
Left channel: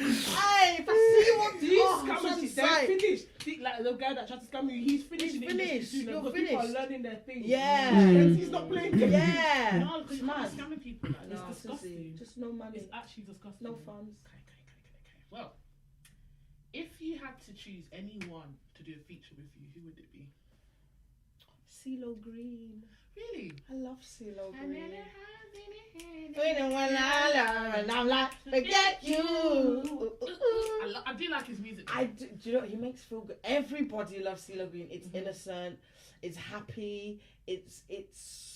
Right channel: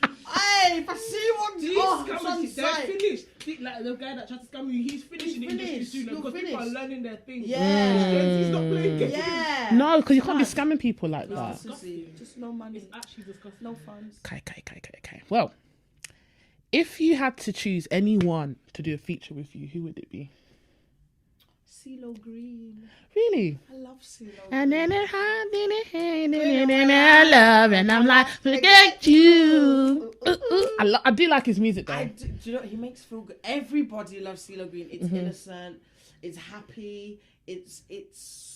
Hey, if I see what These oh, scammers, they're finished. Like the guy that tried to scam you, he's finished. He's in the industry finished. soon, You're because people are finished. learning their thing. Yeah. He's not playing games. Yeah. No, because you can't be Mad. scamming people like No, that. seriously, just no money, It's actually disgusting. no funds. Okay. Well, if you had to choose anyone to do a feature with you, who would it be? CeeLo Green. Really? I love CeeLo And Green. then it happened, and I love, and I'm like, forget you. I do like his music though. Do you know, he makes feel good. Everybody loves CeeLo Green. It's innocent, it's happy, it's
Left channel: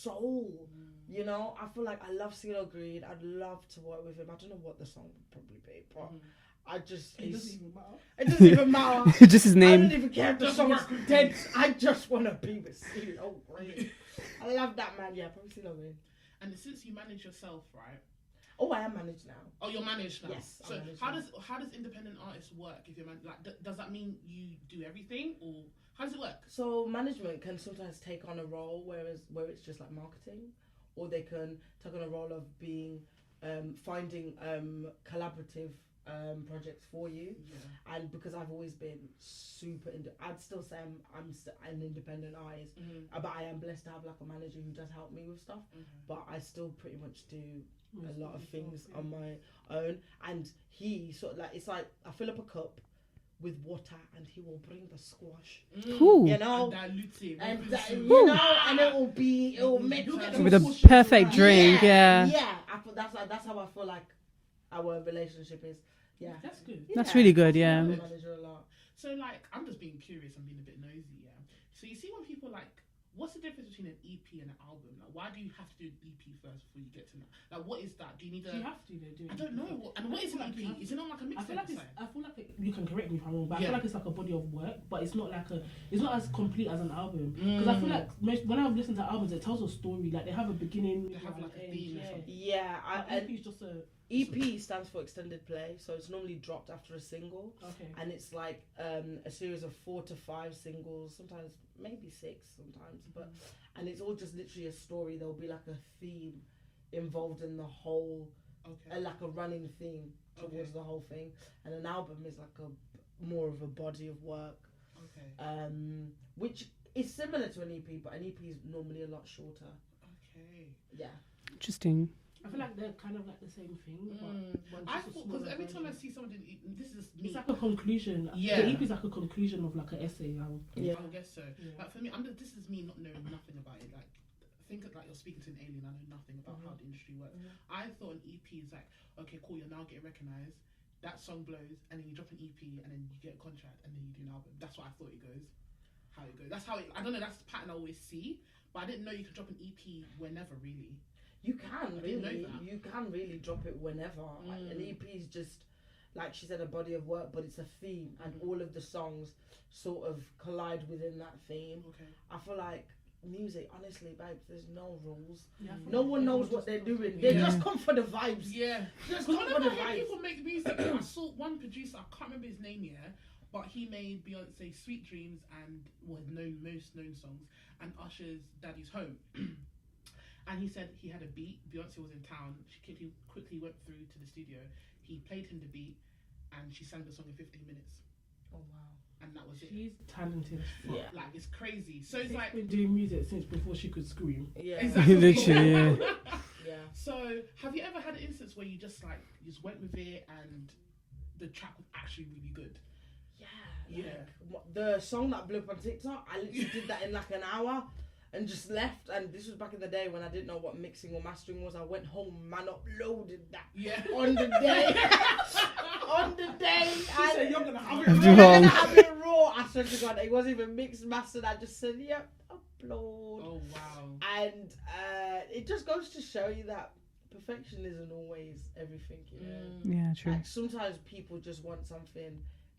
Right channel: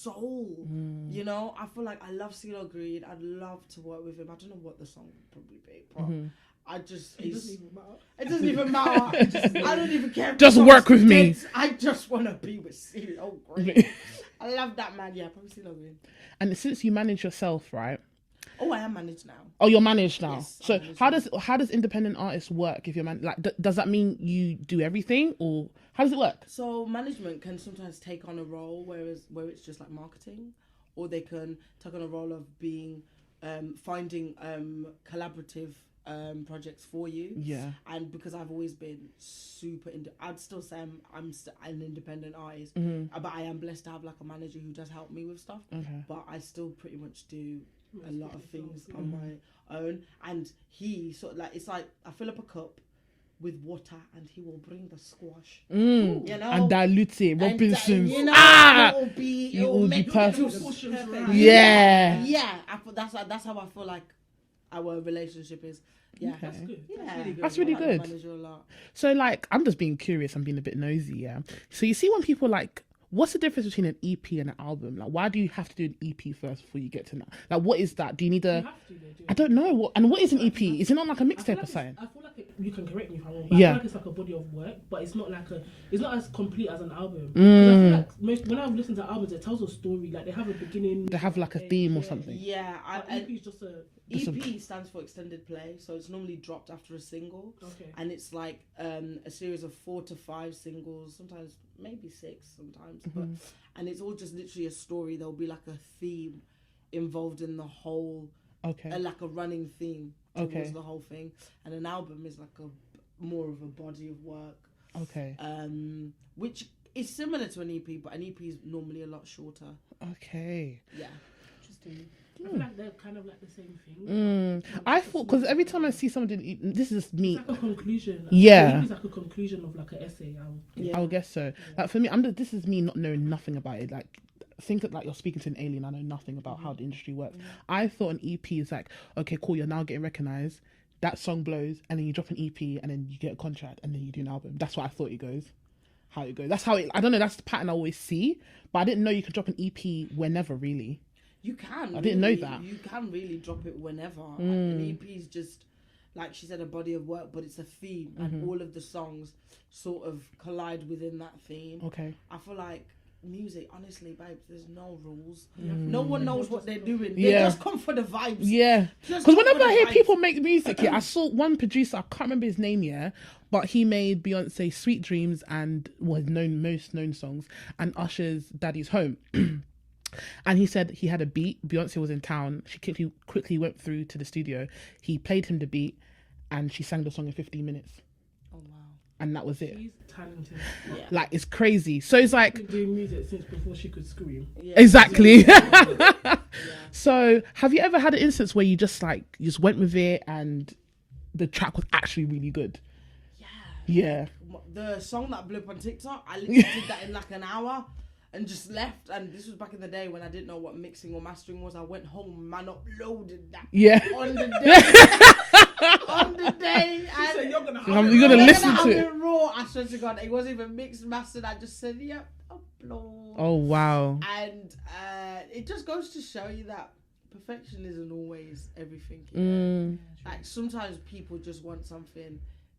soul. You know, I feel like I love CeeLo Green. I'd love to work with him. I don't know what the song would probably be, but I just It doesn't even matter. it doesn't even matter. Just his I name. don't even care. if Just the work song's with me. dead. I just want to be with CeeLo Green. I love that man. Yeah, probably CeeLo Green. And since you manage yourself, right? Oh, I am managed now. Oh, you're managed now. Yes, So I'm managed how does independent artists work? If you're like, does that mean you do everything, or how does it work? So management can sometimes take on a role where it's just like marketing, or they can take on a role of being finding collaborative projects for you. Yeah. And because I've always been super I'd still say I'm an independent artist, but I am blessed to have like a manager who does help me with stuff. Okay. But I still pretty much do a lot of things on my own, and he sort of like, it's like I fill up a cup with water and he will bring the squash, Ooh. you know, And dilute it, and, Robinsons. you know, Ah! it will be make perfect. With a push perfect it drink. right. Yeah. Yeah, that's how I feel like our relationship is. Yeah, Okay. That's good. That's really good, That's really yeah. good. Manager a lot. So like, I'm just being curious. I'm being a bit nosy. Yeah. So you see when people like, what's the difference between an EP and an album? Like, why do you have to do an EP first before you get to that? Like, what is that? Do you need a? You have to, they do. I don't know. And what is an EP? Is it not like a I feel mixtape like or something? I feel like you can correct me if I'm wrong, but Yeah. I feel like it's like a body of work, but it's not as complete as an album. 'Cause I feel like when I've listened to albums, it tells a story. Like they have a beginning. They have like a theme or something. Yeah, EP is just a EP stands for extended play, so it's normally dropped after a single, okay. and it's like a series of 4 to 5 singles, sometimes maybe 6 sometimes, but and it's all just literally a story. There'll be like a theme involved in the whole, Okay. like a running theme towards Okay. the whole thing, and an album is like a more of a body of work, Okay. which is similar to an EP, but an EP is normally a lot shorter. Okay. Yeah. Interesting. I feel like they're kind of like the same thing. I thought, because every time I see someone doing, this is me. It's like a conclusion. Yeah. It's like a conclusion of like an essay. I would guess so. Like for me, this is me not knowing nothing about it. Like, think of like you're speaking to an alien. I know nothing about how the industry works. I thought an EP is like, okay, cool, you're now getting recognized. That song blows, and then you drop an EP, and then you get a contract, and then you do an album. That's what I thought it goes. How it goes. That's how it. I don't know. That's the pattern I always see. But I didn't know you could drop an EP whenever, really. You can. I didn't know that. You can really drop it whenever. An EP is just, like she said, a body of work, but it's a theme, and all of the songs sort of collide within that theme. Okay. I feel like music, honestly, babes, there's no rules. No one knows what they're doing. They Yeah. just come for the vibes. Yeah. Just Because come whenever for I the hear vibes. people make music, I saw one producer, I can't remember his name, but he made Beyonce's Sweet Dreams and was most known songs, and Usher's Daddy's Home. And he said he had a beat. Beyonce was in town. She quickly went through to the studio. He played him the beat, and she sang the song in 15 minutes. Oh wow. And that was it. She's talented. Yeah. Like, it's crazy. So it's like, Been doing music since before she could scream. Yeah. exactly. Yeah. So have you ever had an instance where you just went with it and the track was actually really good? Yeah. The song that blew up on TikTok, I literally did that in like an hour and just left. And this was back in the day when I didn't know what mixing or mastering was. I went home, man, uploaded that Yeah. on the day. On the day. She said, you're gonna You're have gonna it. listen have to it. raw. I swear to God, it wasn't even mixed, mastered. I just said, yep, upload. Oh, wow. And it just goes to show you that perfection isn't always everything. Yeah, true. Like sometimes people just want something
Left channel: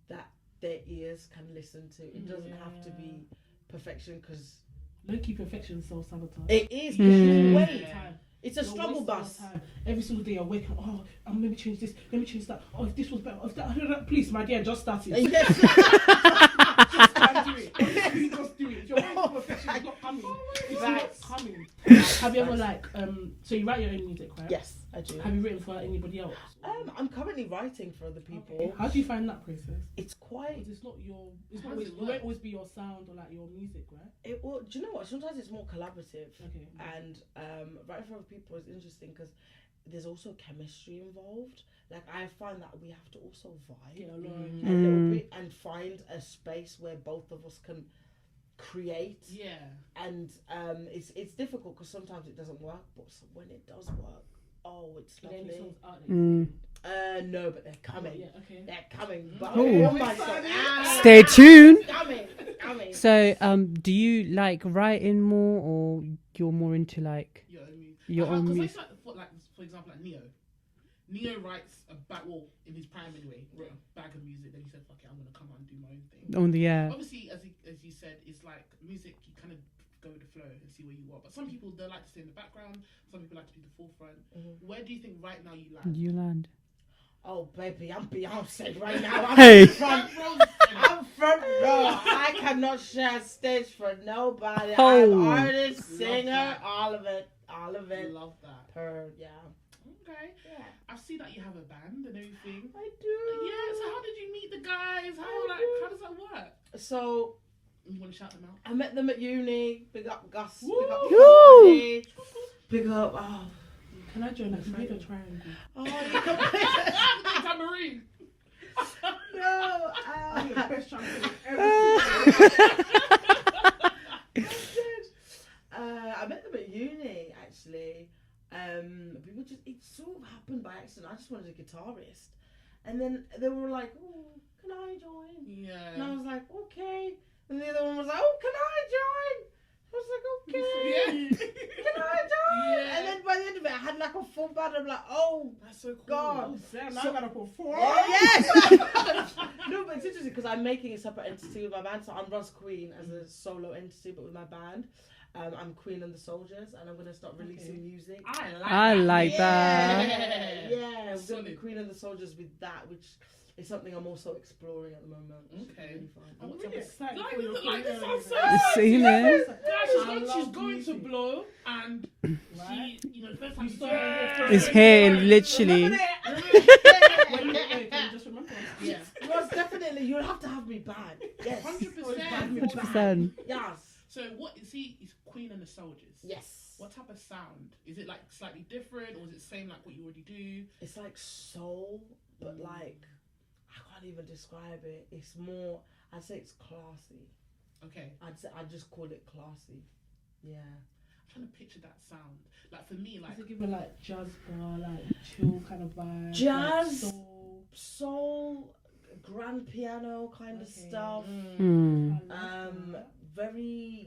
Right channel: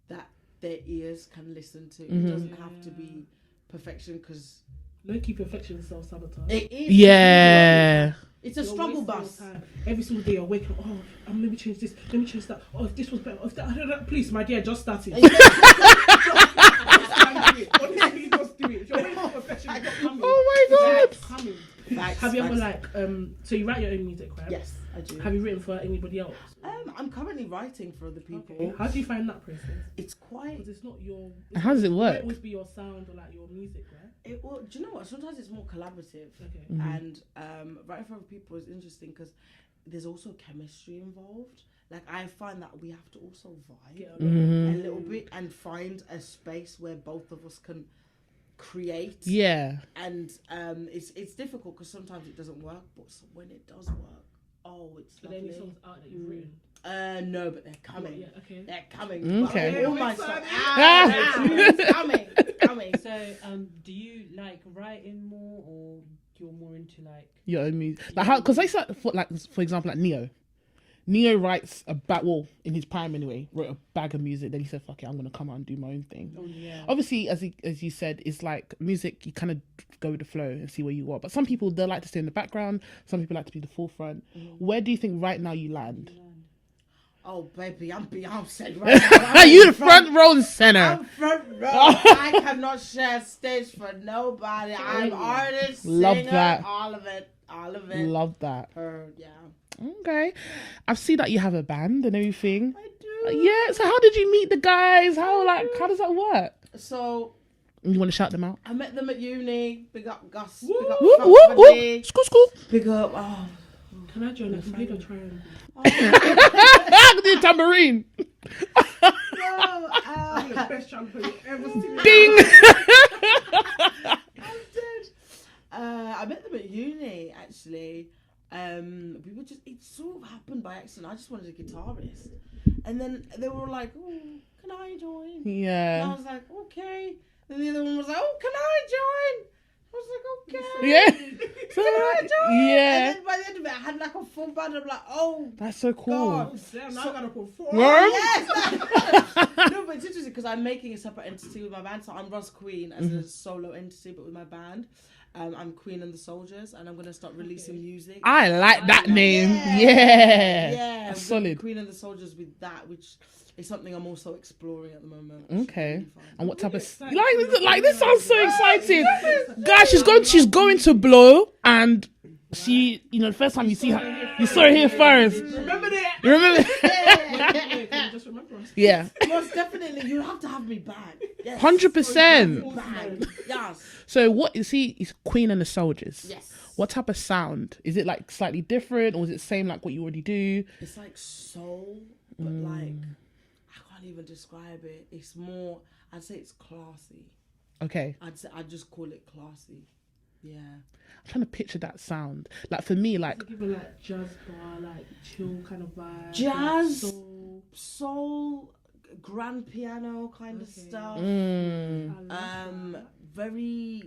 that their ears can listen to. It doesn't have to be perfection, because Low-key perfection is self-sabotage. it is. Yeah. It's a You're struggle wasting bus. your time. Every single day you're waking up, let me change this, let me change that. Oh, if this was better, if that, please, my dear, just start it. Just do it. If you're waiting for perfection, it's not coming. Oh my God. It's coming. Have you ever so you write your own music, right? Yes, I do. Have you written for anybody else? I'm currently writing for other people. Okay. How do you find that process? It's quite. Because it's not your. How does it work? It always be your sound or like your music, right? Well, do you know what? Sometimes it's more collaborative. Okay. And writing for other people is interesting because there's also chemistry involved. Like, I find that we have to also vibe a little bit and find a space where both of us can create. Yeah. And it's difficult because sometimes it doesn't work, but when it does work, oh, it's Are there any lovely. songs out there? No, but they're coming. Yeah, okay. They're coming. Okay. But all my songs- Stay tuned. coming. So, do you like writing more, or you're more into like? Your own music. Your Like how? own Because for example, like Neo. Neo writes in his prime anyway, wrote a bag of music. Then he said, "Fuck it, I'm gonna come out and do my own thing." Only Obviously, as you said, it's like music. You kind of go with the flow and see where you are. But some people, they like to stay in the background. Some people like to be the forefront. Where do you think right now you land? You land. Oh, baby, I'm Beyonce right now. Hey, you front row and center. I'm front row. I cannot share stage for nobody. I'm Oh, artist, love singer, that. all of it. Love that. Yeah. Okay, I've seen that you have a band and everything. I do. Yeah. So how did you meet the guys? How does that work? So You want to shout them out? I met them at uni. Big up Gus. Woo! Big up Woo, woo, woo. Charlie. School. Big up. Oh. Can I join us? Give a try. The tambourine. No, I'm the best champion ever. Ding. I met them at uni actually. People just, it sort of happened by accident. I just wanted a guitarist, and then they were like, "Oh, can I join?" And I Yeah. was like, "Okay." And the other one was like, "Oh, can I join?" I was like, "Okay." Yeah. Can I join? Yeah. And then by the end of it, I had like a full band. I'm like, "Oh That's so cool. God." Damn, now I gotta put four. Yes. No, but it's interesting because I'm making a separate entity with my band. So I'm Rozzzqween as a solo entity, but with my band. I'm Queen and the Soldiers, and I'm gonna start releasing music. I like that like name. that. Yeah. Yeah, That's with solid. Queen and the Soldiers with that, which is something I'm also exploring at the moment. which is Okay. really fun. And what type of Exciting. like this sounds so exciting. Yeah. Guys, she's going to blow, and she, the first time you see her, you saw her here first. Literally. You remember? Just remember. Yeah. Most definitely, you'll have to have me back. Yes. 100%. 100%. Yes. So what is he? Is Queen and the Soldiers? Yes. What type of sound? Is it like slightly different, or is it same like what you already do? It's like soul, but like I can't even describe it. It's more. I'd say it's classy. Okay. I'd just call it classy. Yeah. I'm trying to picture that sound. Like for me, like Give it like jazz bar, like chill kind of vibe. Jazz. Like soul. Soul, grand piano kind of stuff. mm, I love that. Very.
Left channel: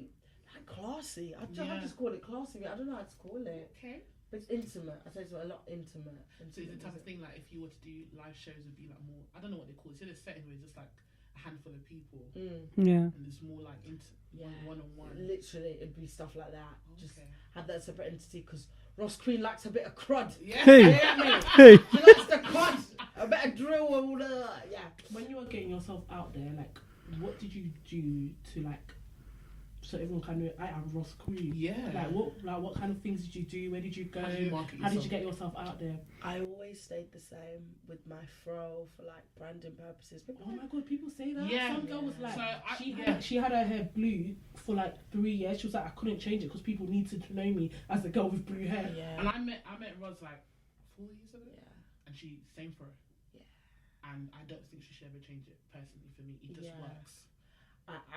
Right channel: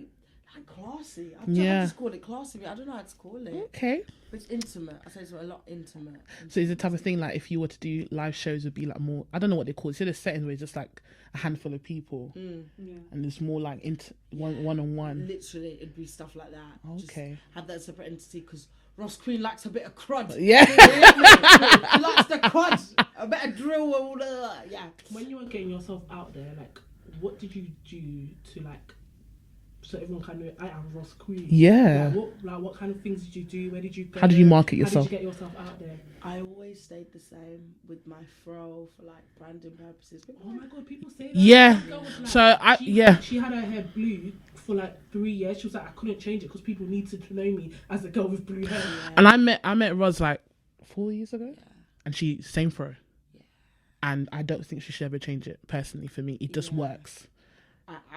like classy. I just call it classy. I don't know how to call it. Okay. It's intimate. I say it's a lot intimate. So is the type of thing like if you were to do live shows, would be like more? I don't know what they call it. So there's settings where it's just like a handful of people, and it's more like one on one. Literally, it'd be stuff like that. Okay. Just have that separate entity because Rozzzqween likes a bit of crud. Yeah. He likes the crud. A bit of drill. All that. Yeah. When you were getting yourself out there, like, what did you do to like? So everyone kind of, I am Rozzzqween. Yeah. What kind of things did you do? Where did you go? How did you market yourself? How did you get yourself out there? I always stayed the same with my fro for like branding purposes. Oh my god, people say that. Yeah. Some girl was like, So she had her hair blue for like 3 years. She was like, I couldn't change it because people need to know me as the girl with blue hair. Yeah. And I met Roz like 4 years ago, and she same fro. Yeah. And I don't think she should ever change it. Personally, for me, it just works.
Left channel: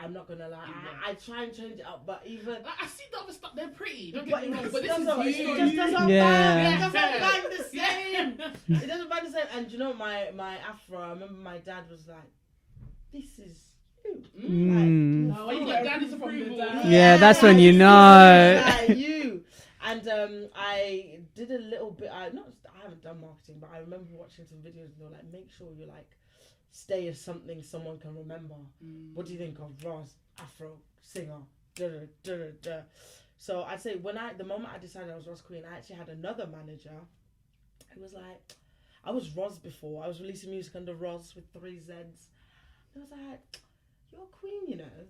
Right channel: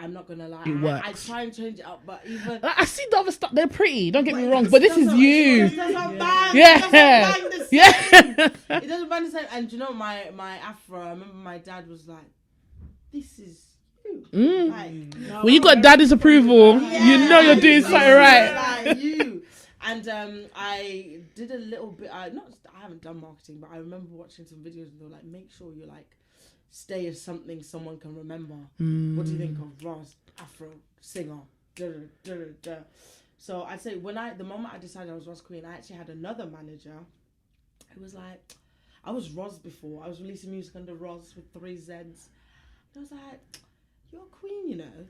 I'm not gonna lie. It works. I try and change it up, but even I see the other stuff. They're pretty. Don't get me wrong, but this is you. It doesn't Yeah. bang the same. Yeah. It doesn't bang the same. And you know, my afro. I remember my dad was like, "This is you." When you got daddy's approval, Yeah, that's you're when you doing know. something right. Like you. And I did a little bit. I haven't done marketing, but I remember watching some videos and they were like, "Make sure you like." Stay as something someone can remember. What do you think of Roz, Afro, singer? Da, da, da, da, da. So I'd say the moment I decided I was Rozzzqween, I actually had another manager. It was like, I was Roz before. I was releasing music under Roz with 3 Zs. And I was like, you're a queen, you know.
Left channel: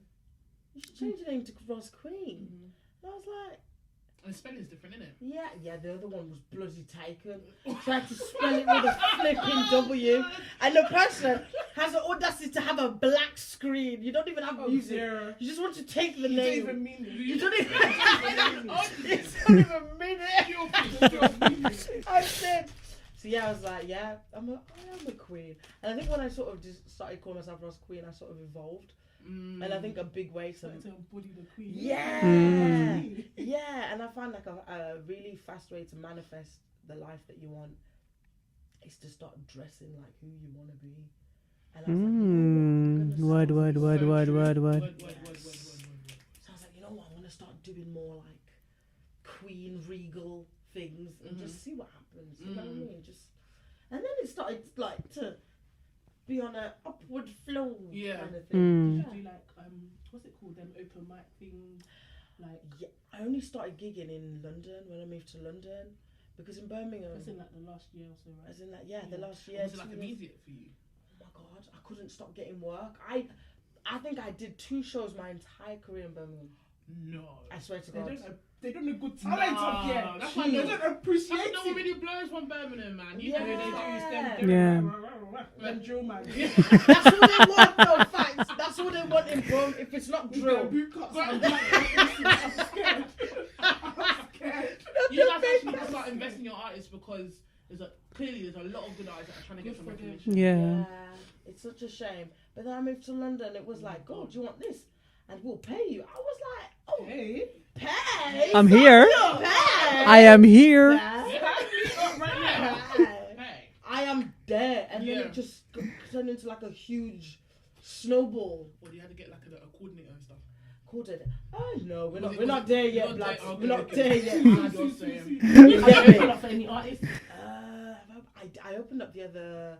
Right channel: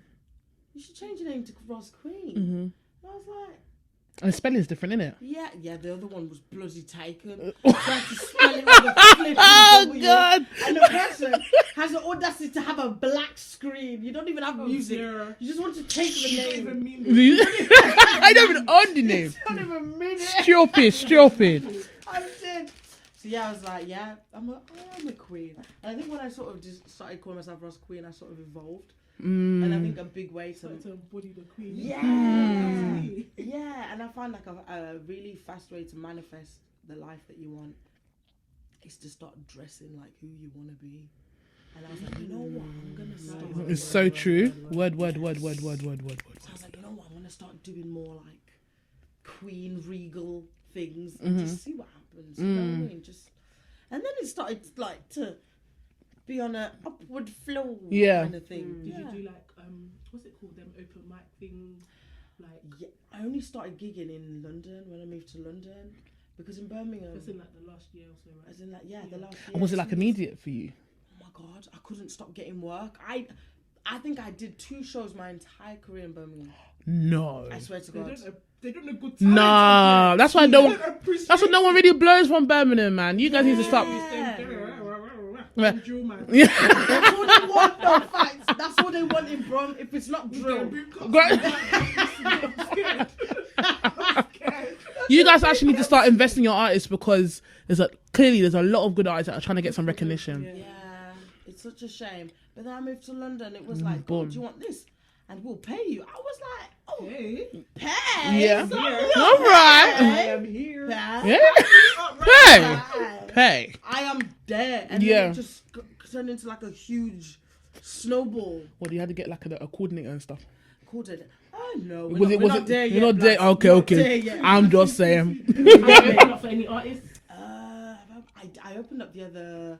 You should change your name to Rozzzqween. And I was like, and the spelling's different, isn't it? yeah, the other one was bloody taken. Tried to spell it with a flip God! And the person has the audacity to have a black screen. You don't even have music. You just want to take the name. I don't even own the name. It's not even minute. Stupid. I said. So yeah, I was like, I am a queen. And I think when I sort of just started calling myself Rozzzqween, I sort of evolved. And I think a big way to embody the queen. Yeah, and I find like a really fast way to manifest the life that you want is to start dressing like who you want to be. And I was like, you know what, word. It's so true. Word. So I was like, you know what, I'm gonna start doing more like queen regal things and just see what happens. You know what I mean? And then it started like to be on an upward flow kind of thing. Did you do like what's it called, them open mic things? Like I only started gigging in London when I moved to London because in Birmingham. It's in like the last year or so, right? As in like the last year. And was it like immediate for you? Oh my god, I couldn't stop getting work. I think I did 2 shows my entire career in Birmingham. No. I swear to God. They don't know good talent. Nah, that's why no one really blows from Birmingham, man. You guys need to stop. Yeah. That's what they want, for facts. That's what they want in Brom. If it's not drill. You guys actually need to start investing in your artists because there's a lot of good artists that are trying to get some recognition. Yeah. It's such a shame. But then I moved to London. It was like, oh, do you want this? And we'll pay you. I was like, oh, pay? I'm here. All right. I am here. Hey. Hey. I am there. And then it just turned into like a huge snowball. What, you had to get like a coordinator and stuff? Coordinator? Oh, no. We're not there yet. You're not there? Okay. I'm just saying. Are you open up for any artists? I opened up the other,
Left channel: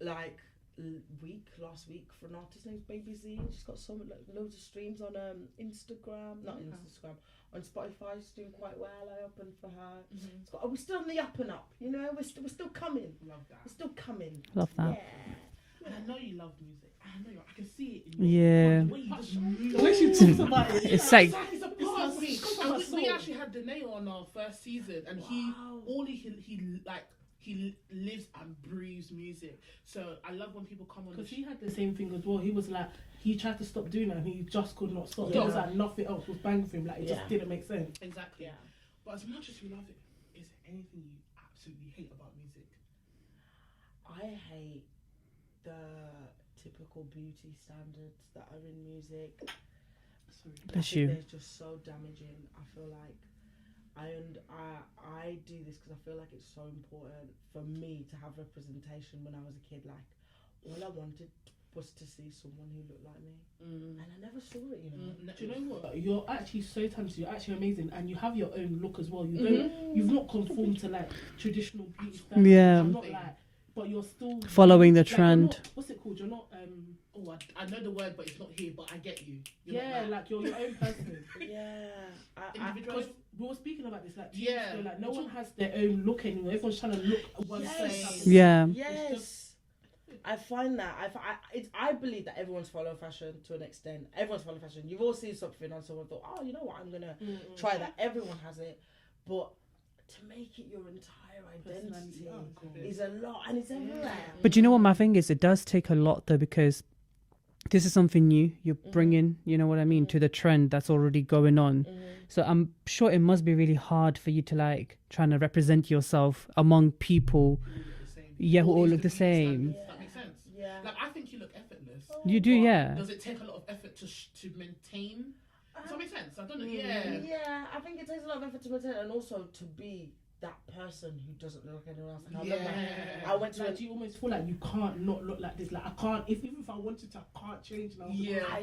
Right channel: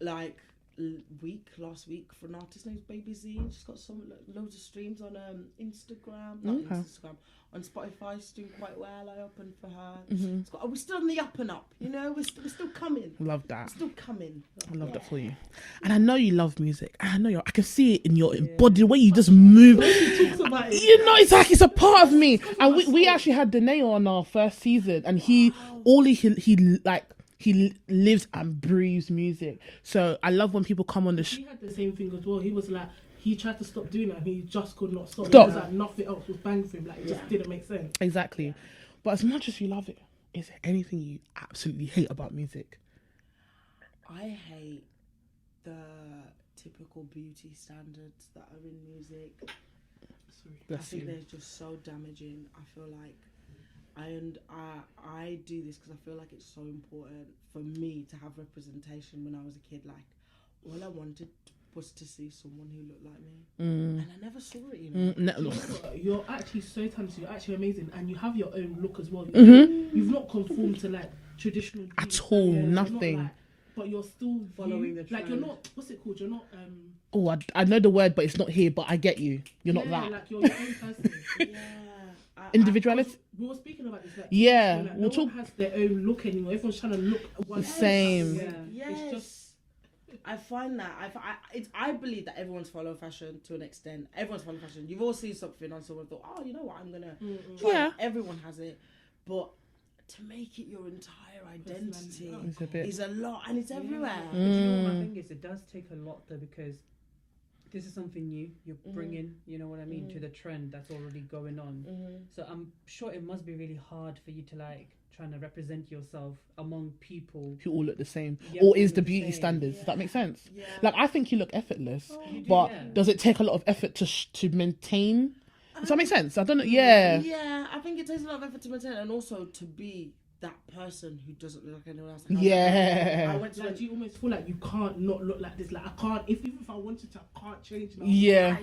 like, last week for an artist named Baby Z. She's got loads of streams on Instagram, Instagram, on Spotify. She's doing quite well. I opened for her. We're still on the up and up, you know. We're still coming. Love that. Still coming. Love that for you. And I know you love music. I know I can see it in your body, the way you just move. Exactly. It's a part of me. And we actually had Danae on our first season, and he lives and breathes music. So I love when people come on the show. He had the same thing as well. He was like, he tried to stop doing that and he just could not stop. It was like nothing else was bang for him. Like it just didn't make sense. Exactly. Yeah. But as much as you love it, is there anything you absolutely hate about music? I hate the typical beauty standards that are in music. I think they're just so damaging. I feel like I do this because I feel like it's so important for me to have representation when I was a kid. Like, all I wanted was to see someone who looked like me, and I never saw it. You're actually so talented. You're actually amazing, and you have your own look as well. You've not conformed to like traditional at all. Yeah. Nothing. But you're still following the like, trend. What's it called? You're not. Oh, I know the word, but it's not here. But I get you. You're not that. Like you're your own person. Individuality. We were speaking about this. Like, Yeah, like, no one has their own look anymore. Everyone's trying to look one same. Yeah. Yes. I find that I believe that everyone's following fashion to an extent. Everyone's following fashion. You've all seen something on someone thought, oh, you know what, I'm gonna try. Yeah. It. Everyone has it, but to make it your entire identity is a lot, and it's everywhere. But you know what my thing is? It does take a lot though, because this is something new you're bringing, you know what I mean, to the trend that's already going on. So I'm sure it must be really hard for you to like trying to represent yourself among people who all look the same. Yeah, or all is look the the beauty same. standards? Does that make sense? Yeah. Like I think you look effortless. You do, but yeah. Does it take a lot of effort to maintain? Does that make sense? I don't know. Yeah. Yeah, I think it takes a lot of effort to maintain, and also to be that person who doesn't look like anyone else. Yeah. I went to. Like, do you almost feel like you can't not look like this? Like I can't. Even if I wanted to, I can't change now. Yeah.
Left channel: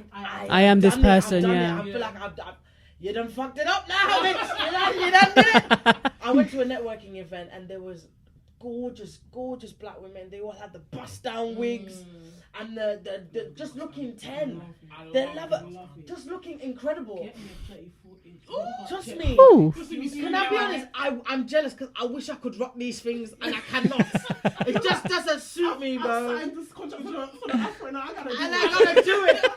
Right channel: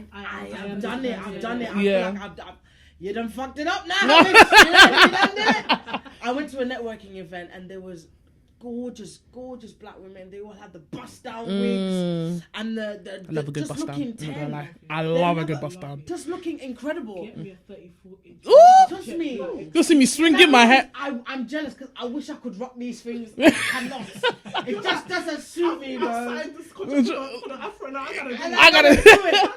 I am this person, yeah. I feel like I've you done fucked it up now. You done did it. I went to a networking event and there was gorgeous black women. They all had the bust down wigs and the I love a good just bust looking down. 10. I love a good bust down. Just looking incredible. Get me a 30, 40. Trust me. Ooh. You'll see me swinging my head. I'm jealous because I wish I could rock these things. I cannot. It just doesn't suit me, bro. I just got to put an afro now. I gotta do it.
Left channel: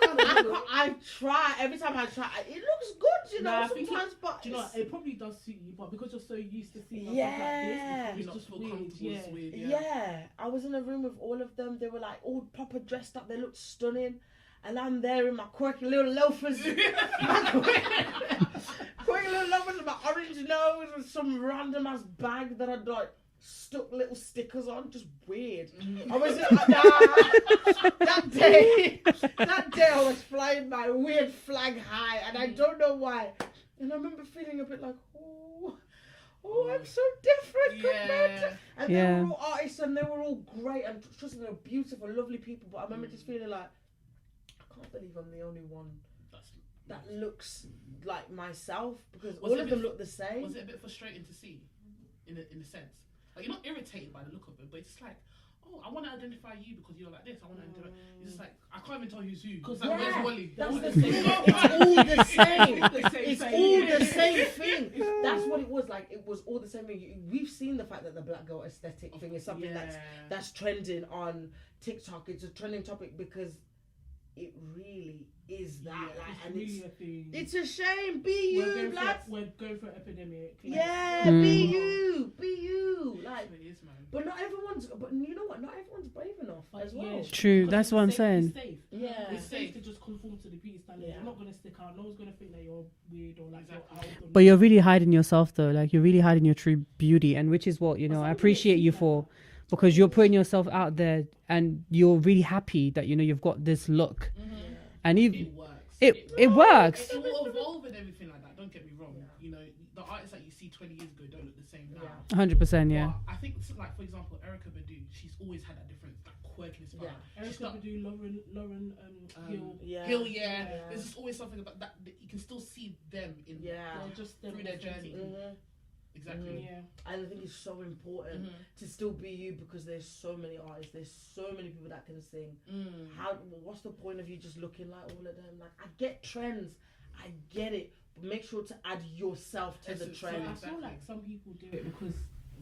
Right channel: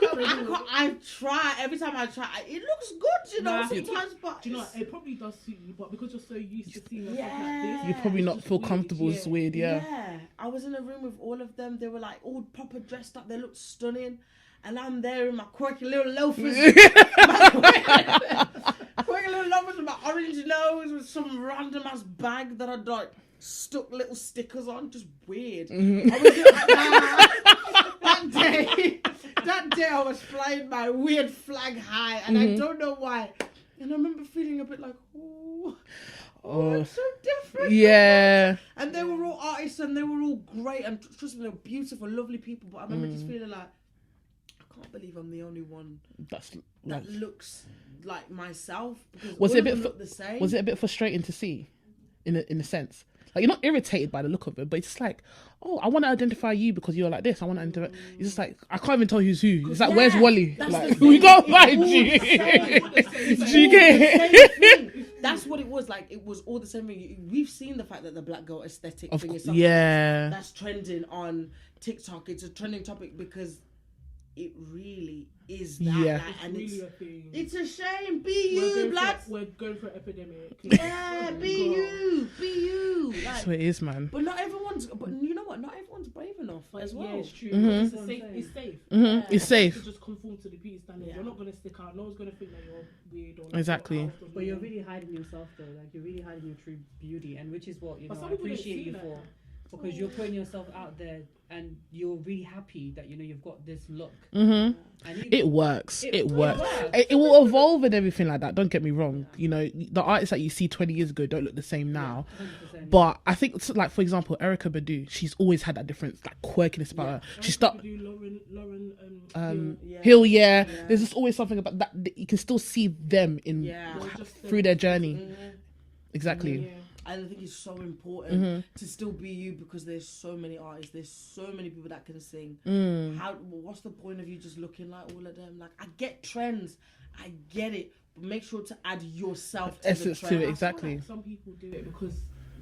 I try every time I try. It looks good, you know. Sometimes, but do you know what? It probably does suit you, but because you're so used to seeing us yeah, like this, You probably not feel comfortable. It's weird. Yeah. I was in a room with all of them. They were like all proper dressed up. They looked stunning, and I'm there in my quirky little loafers, quirky little loafers with my orange nose with some random ass bag that I'd like stuck little stickers on. Just weird. I was that day I was flying my weird flag high, and I don't know why. And I remember feeling a bit like, oh, it's so different. Yeah. And they were all artists and they were all great and trust me, they were beautiful, lovely people. But I remember just feeling like, I can't believe I'm the only one that looks like myself. Because was all it of them look the same. Was it a bit frustrating to see, in a sense? Like you're not irritated by the look of it, but it's just like, oh, I want to identify you because you're like this. I want to identify. It's just like I can't even tell who's who. It's like, where's Wally? Like, we can't find you. That's what it was like. It was all the same thing. We've seen the fact that the black girl aesthetic thing is something that's trending on TikTok. It's a trending topic because it really is that. Yeah. And it's a shame. Be you, blood. We're going for an epidemic. Yeah, be you. That's what it is, man. But not everyone's. But you know what? Not everyone's brave enough as well. Yeah, True, that's what I'm saying. It's safe. It's safe. You just conform to the beauty standards. You're not going to stick out. No one's going to think that you're weird. Or Exactly. But you're really hiding yourself though. Like you're really hiding your true beauty, and which is what I appreciate you for, because you're putting yourself out there and you're really happy that you've got this look. And even, it works. It works. It will evolve and everything like that. Don't get me wrong. The artists that you see 20 years ago don't look the same now. 100%. But I think, like for example, Erykah Badu, she's always had that difference, like quirkiness about her. She started. Hill, there's just always something about that. You can still see them in through their journey. Exactly. I think it's so important to still be you because there's so many artists, there's so many people that can sing. What's the point of you just looking like all of them? Like, I get trends, I get it, but make sure to add yourself to essence the trend. to it. Exactly. Like some people do it because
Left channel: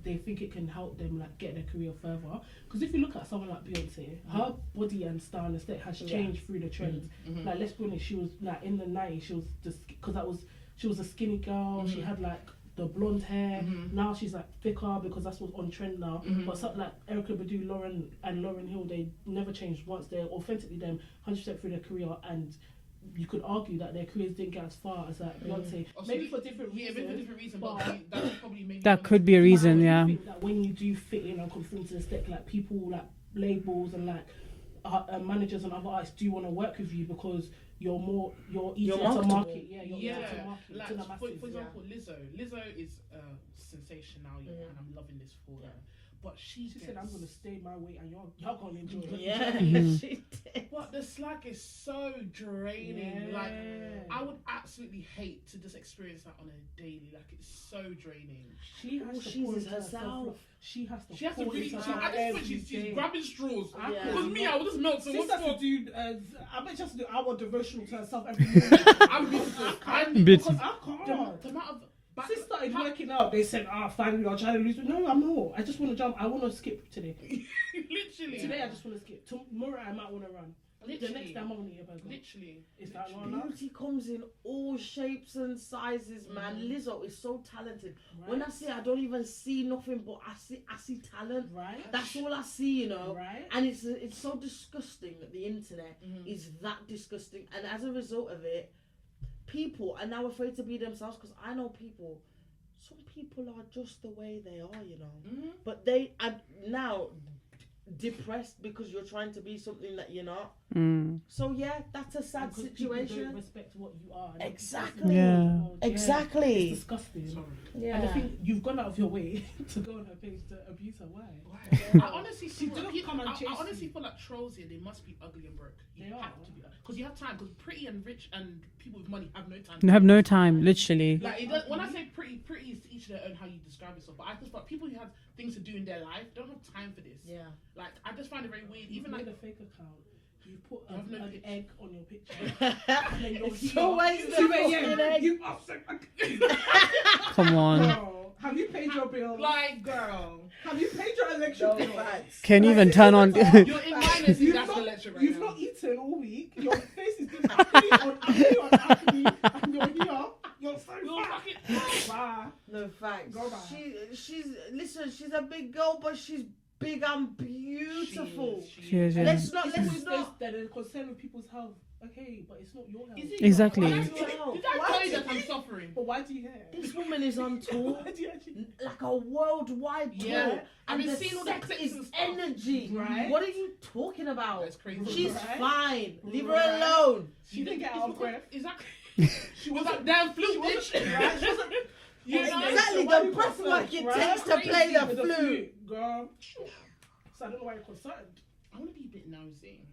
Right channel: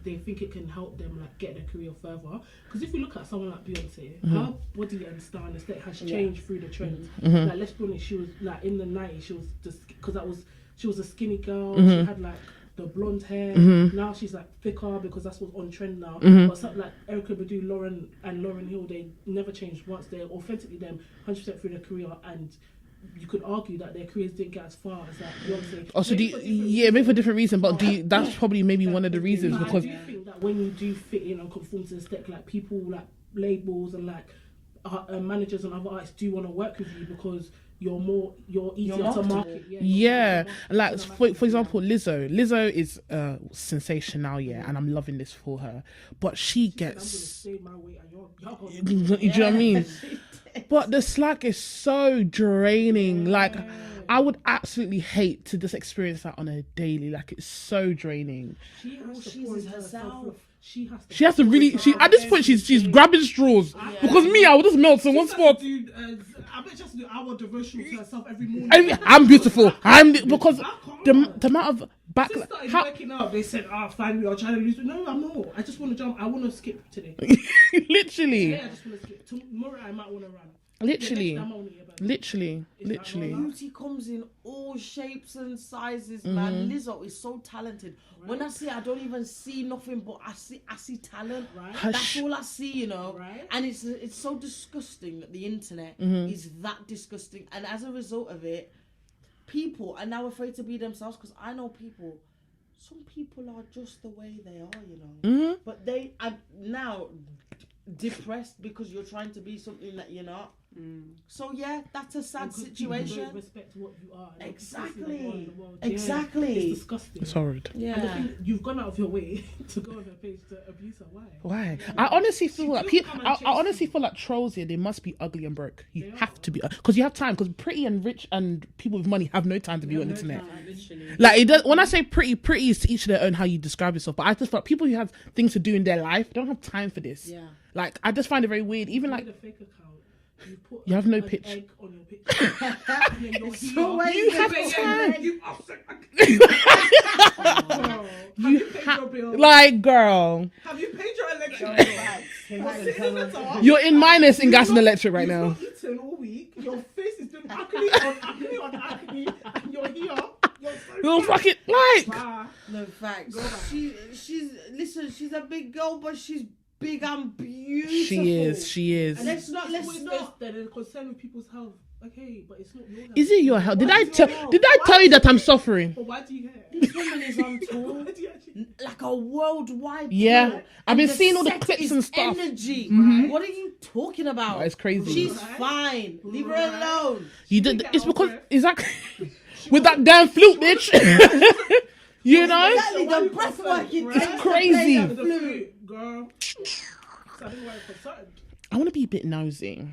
they think it can help them like get their career further. Because if you look at someone like Beyonce, her body and style and aesthetic has changed through the trends. Like, let's be honest, she was like in the 90s, she was just because she was a skinny girl. She had like the blonde hair. Now she's like thicker because that's what's on trend now. But something like Erykah Badu, Lauryn Hill, they never changed once. They're authentically them 100% through their career, and you could argue that their careers didn't get as far as like Beyonce. Also, maybe for a different reason, but that's probably maybe one of the reasons. That could be a reason, I think that when you do fit in and conform to the aesthetic, like people, like labels and like managers and other artists do want to work with you because you're easier to market. Like for example, Lizzo is a sensation now, and I'm loving this for her. But she gets. I'm gonna stay my way and y'all Do you know what I mean? But the Slack is so draining. Like, I would absolutely hate to just experience that on a daily. Like, it's so draining. She has to pour it herself. She has to really. At this point, she's grabbing straws. Because me, I would just melt in one spot. I bet she has to do our devotional to herself every morning. I'm beautiful. Because the amount of back. Since started working out, they said, finally, I'll try to lose weight. No, I'm not. I just want to jump. I want to skip today. Literally. Today, I just want to skip. Tomorrow, I might want to run. Literally. Yeah, next time I wanna hear about it. Literally. Beauty comes in all shapes and sizes, man. Lizzo is so talented. Right. When I say I don't even see nothing, but I see talent. Right. That's all I see, you know. Right. And it's so disgusting that the internet is that disgusting, and as a result of it, people are now afraid to be themselves. Because I know people. Some people are just the way they are, you know. But they are now depressed because you're trying to be something that you're not. So yeah, that's a sad situation. You don't respect what you are. Exactly. Exactly. It's disgusting. It's horrid. Yeah. And I think you've gone out of your way to go on her page to abuse her. Why? I honestly feel like I honestly feel like trolls here. They must be ugly and broke. You have to be, because you have time. Because pretty and rich and people with money have no time. They have no time, literally. Like it does, when I say pretty is to each their own how you describe yourself. But I just feel like people who have things to do in their life don't have time for this. Yeah. Like I just find it very weird. Even like. You have no picture. On your picture. So you have Come on. You paid your bill. Like, girl. Have you paid your electric? Can you even turn on? You're in minus in gas and electric right now. You've not eaten all week. Your face is just acne on acne, and you're here. You're fucking like. No facts. She's a big girl, but she's big and beautiful. She is. Let's not. They're concerned with people's health. Okay, but it's not your health. Is it your health? Did I tell you that I'm suffering? But why do you care? This woman is on tour, like a worldwide tour. I've been seeing all the clips and stuff. Energy. What are you talking about? Oh, it's crazy. She's fine. Leave her alone. It's because exactly with that damn flute, bitch. You know, exactly the breath work it takes crazy. to play the flute. Girl. I want to be a bit nosy.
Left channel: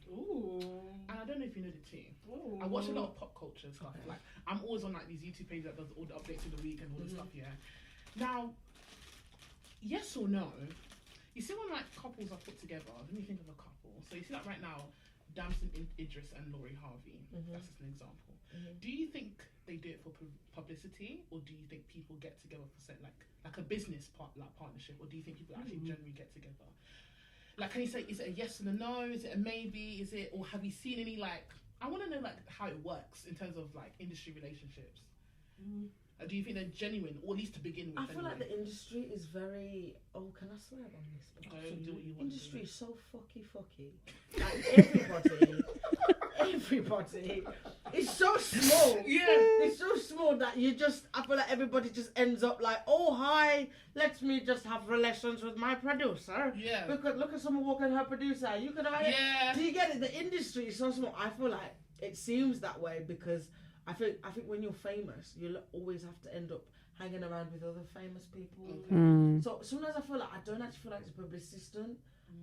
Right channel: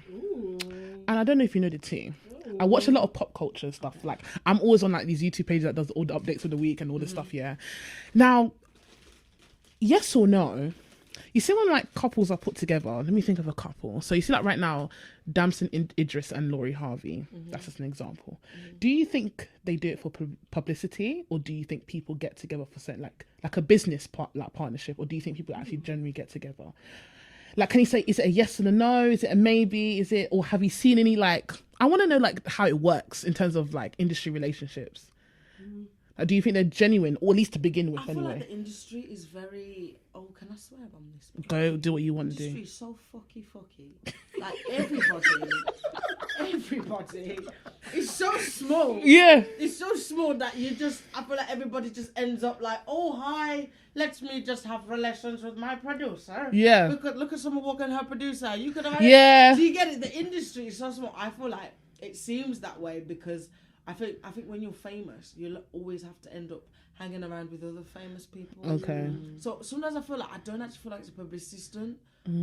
And I don't know if you know the tea. I watch a lot of pop culture stuff. Like I'm always on like these YouTube pages that does all the updates of the week and all this stuff. Yeah. Now, yes or no? You see when like couples are put together. Let me think of a couple. So you see like right now, Damson Idris and Laurie Harvey. That's just an example. Do you think they do it for publicity, or do you think people get together for certain like a business partnership, or do you think people actually generally get together? Like, can you say, is it a yes and a no? Is it a maybe? Is it, or have you seen any, like, I want to know, like, how it works in terms of, like, industry relationships. Like, do you think they're genuine, or at least to begin with, anyway? I feel like the industry is very, can I swear on this? Go do what you want to do. The industry is so fucky. Like, everybody. It's so small. Yeah. It's so small that I feel like everybody just ends up like, oh, hi, let me just have relations with my producer. Yeah. Look at someone walking her producer. You could have Yeah. Do you get it? The industry is so small. I feel like it seems that way because I think when you're famous, you'll always have to end up hanging around with other famous people. Okay. So sometimes I feel like I don't actually feel like it's a publicity stunt.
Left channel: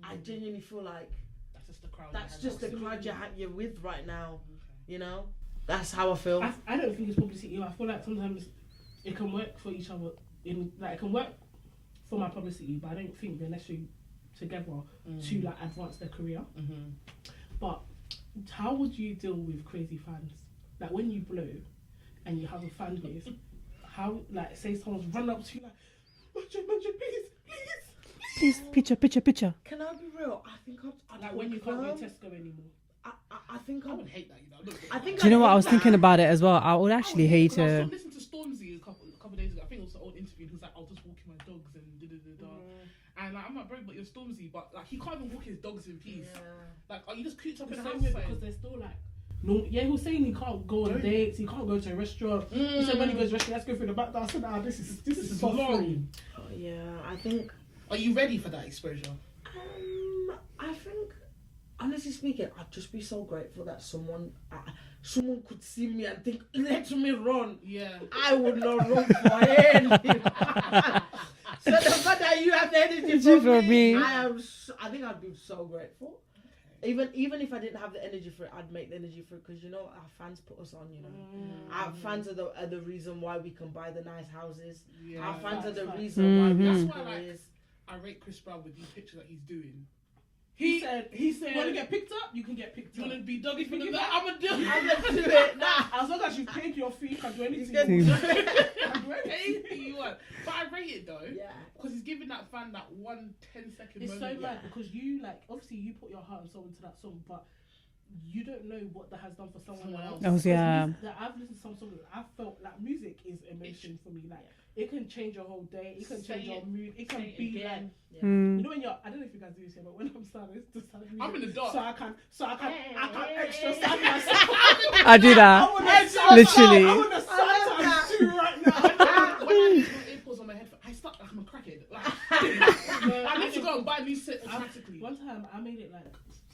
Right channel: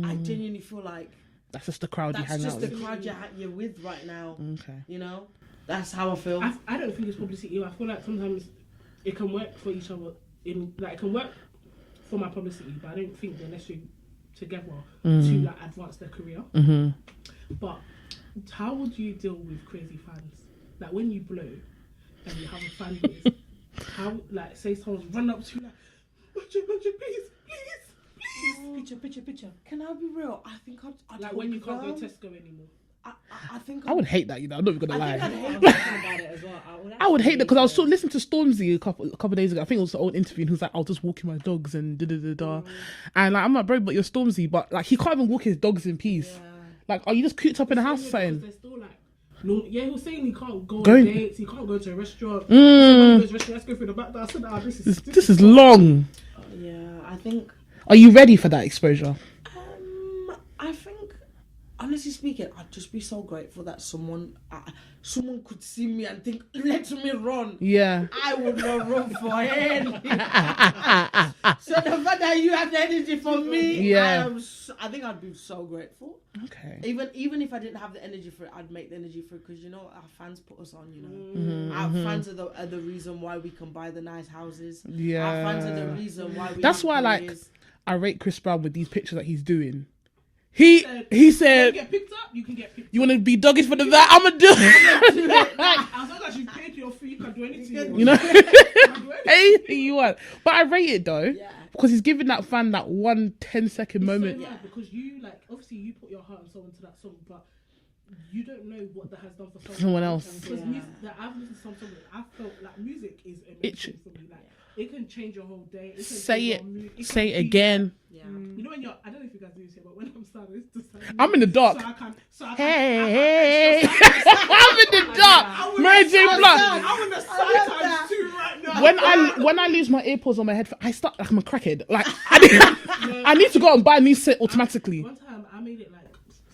I genuinely feel like that's just the crowd you hang out with. That's just the crowd you're with right now. Okay. You know? That's how I feel. I don't think it's publicity. I feel like sometimes it can work for each other. It can work for my publicity, but I don't think they're necessarily together to like advance their career. But how would you deal with crazy fans? Like when you blow and you have a fan base, how, like, say someone's run up to you like, Manju, please. Picture. Can I be real? I think I'd like when you can't go to Tesco anymore. I think I would hate that, you know. I'm not even gonna lie. Do you know what I was thinking about it as well? I would hate that because I was listening to Stormzy a couple of days ago. I think it was an old interview, and he was like, "I'll just walking my dogs and da." And like, I'm like, bro, but you're Stormzy, but like, he can't even walk his dogs in peace. Yeah. Like, are you just cooped up in a house or something? He was saying he can't go on dates, he can't go to a restaurant. So when he goes to a restaurant, let's go through the back door. I said, this is long. Yeah, I think. Are you ready for that exposure? I think honestly speaking, I'd just be so grateful that someone could see me and think, let me run. Yeah. I would not run for anything. So the fact that you have the energy for me, yeah. I think I'd be so grateful. Okay. Even if I didn't have the energy for it, I'd make the energy for it, because you know our fans put us on. You know, our fans are the reason why we can buy the nice houses. Yeah. Our fans are the reason why. That's why, like, I rate Chris Brown with these pictures that he's doing. He said, you get picked up, you can get picked you want to be doggish for the that? I'm gonna do it. As long as you've paid your fee, you can do anything. You know, anything you want. But I rate it though, because he's giving that fan that 1 10-second moment. So because you obviously you put your heart and soul into that song, but you don't know what that has done for someone else. Oh, yeah. I've listened to some songs. I felt like music is amazing for me. Like it can change your whole day. It can Say change it. your mood. It Say can it be again. like, you know when you're, I don't know if you guys do this here, but when I'm sad, it's just like, I'm in the dark. So I can Hey. I I'm in the I do that. Mary J. Literally. I'm in the sad times too right now. When I lose my earpods on my head, I start like I'm a crackhead. Like I need to go and buy a new set automatically. One time I made it like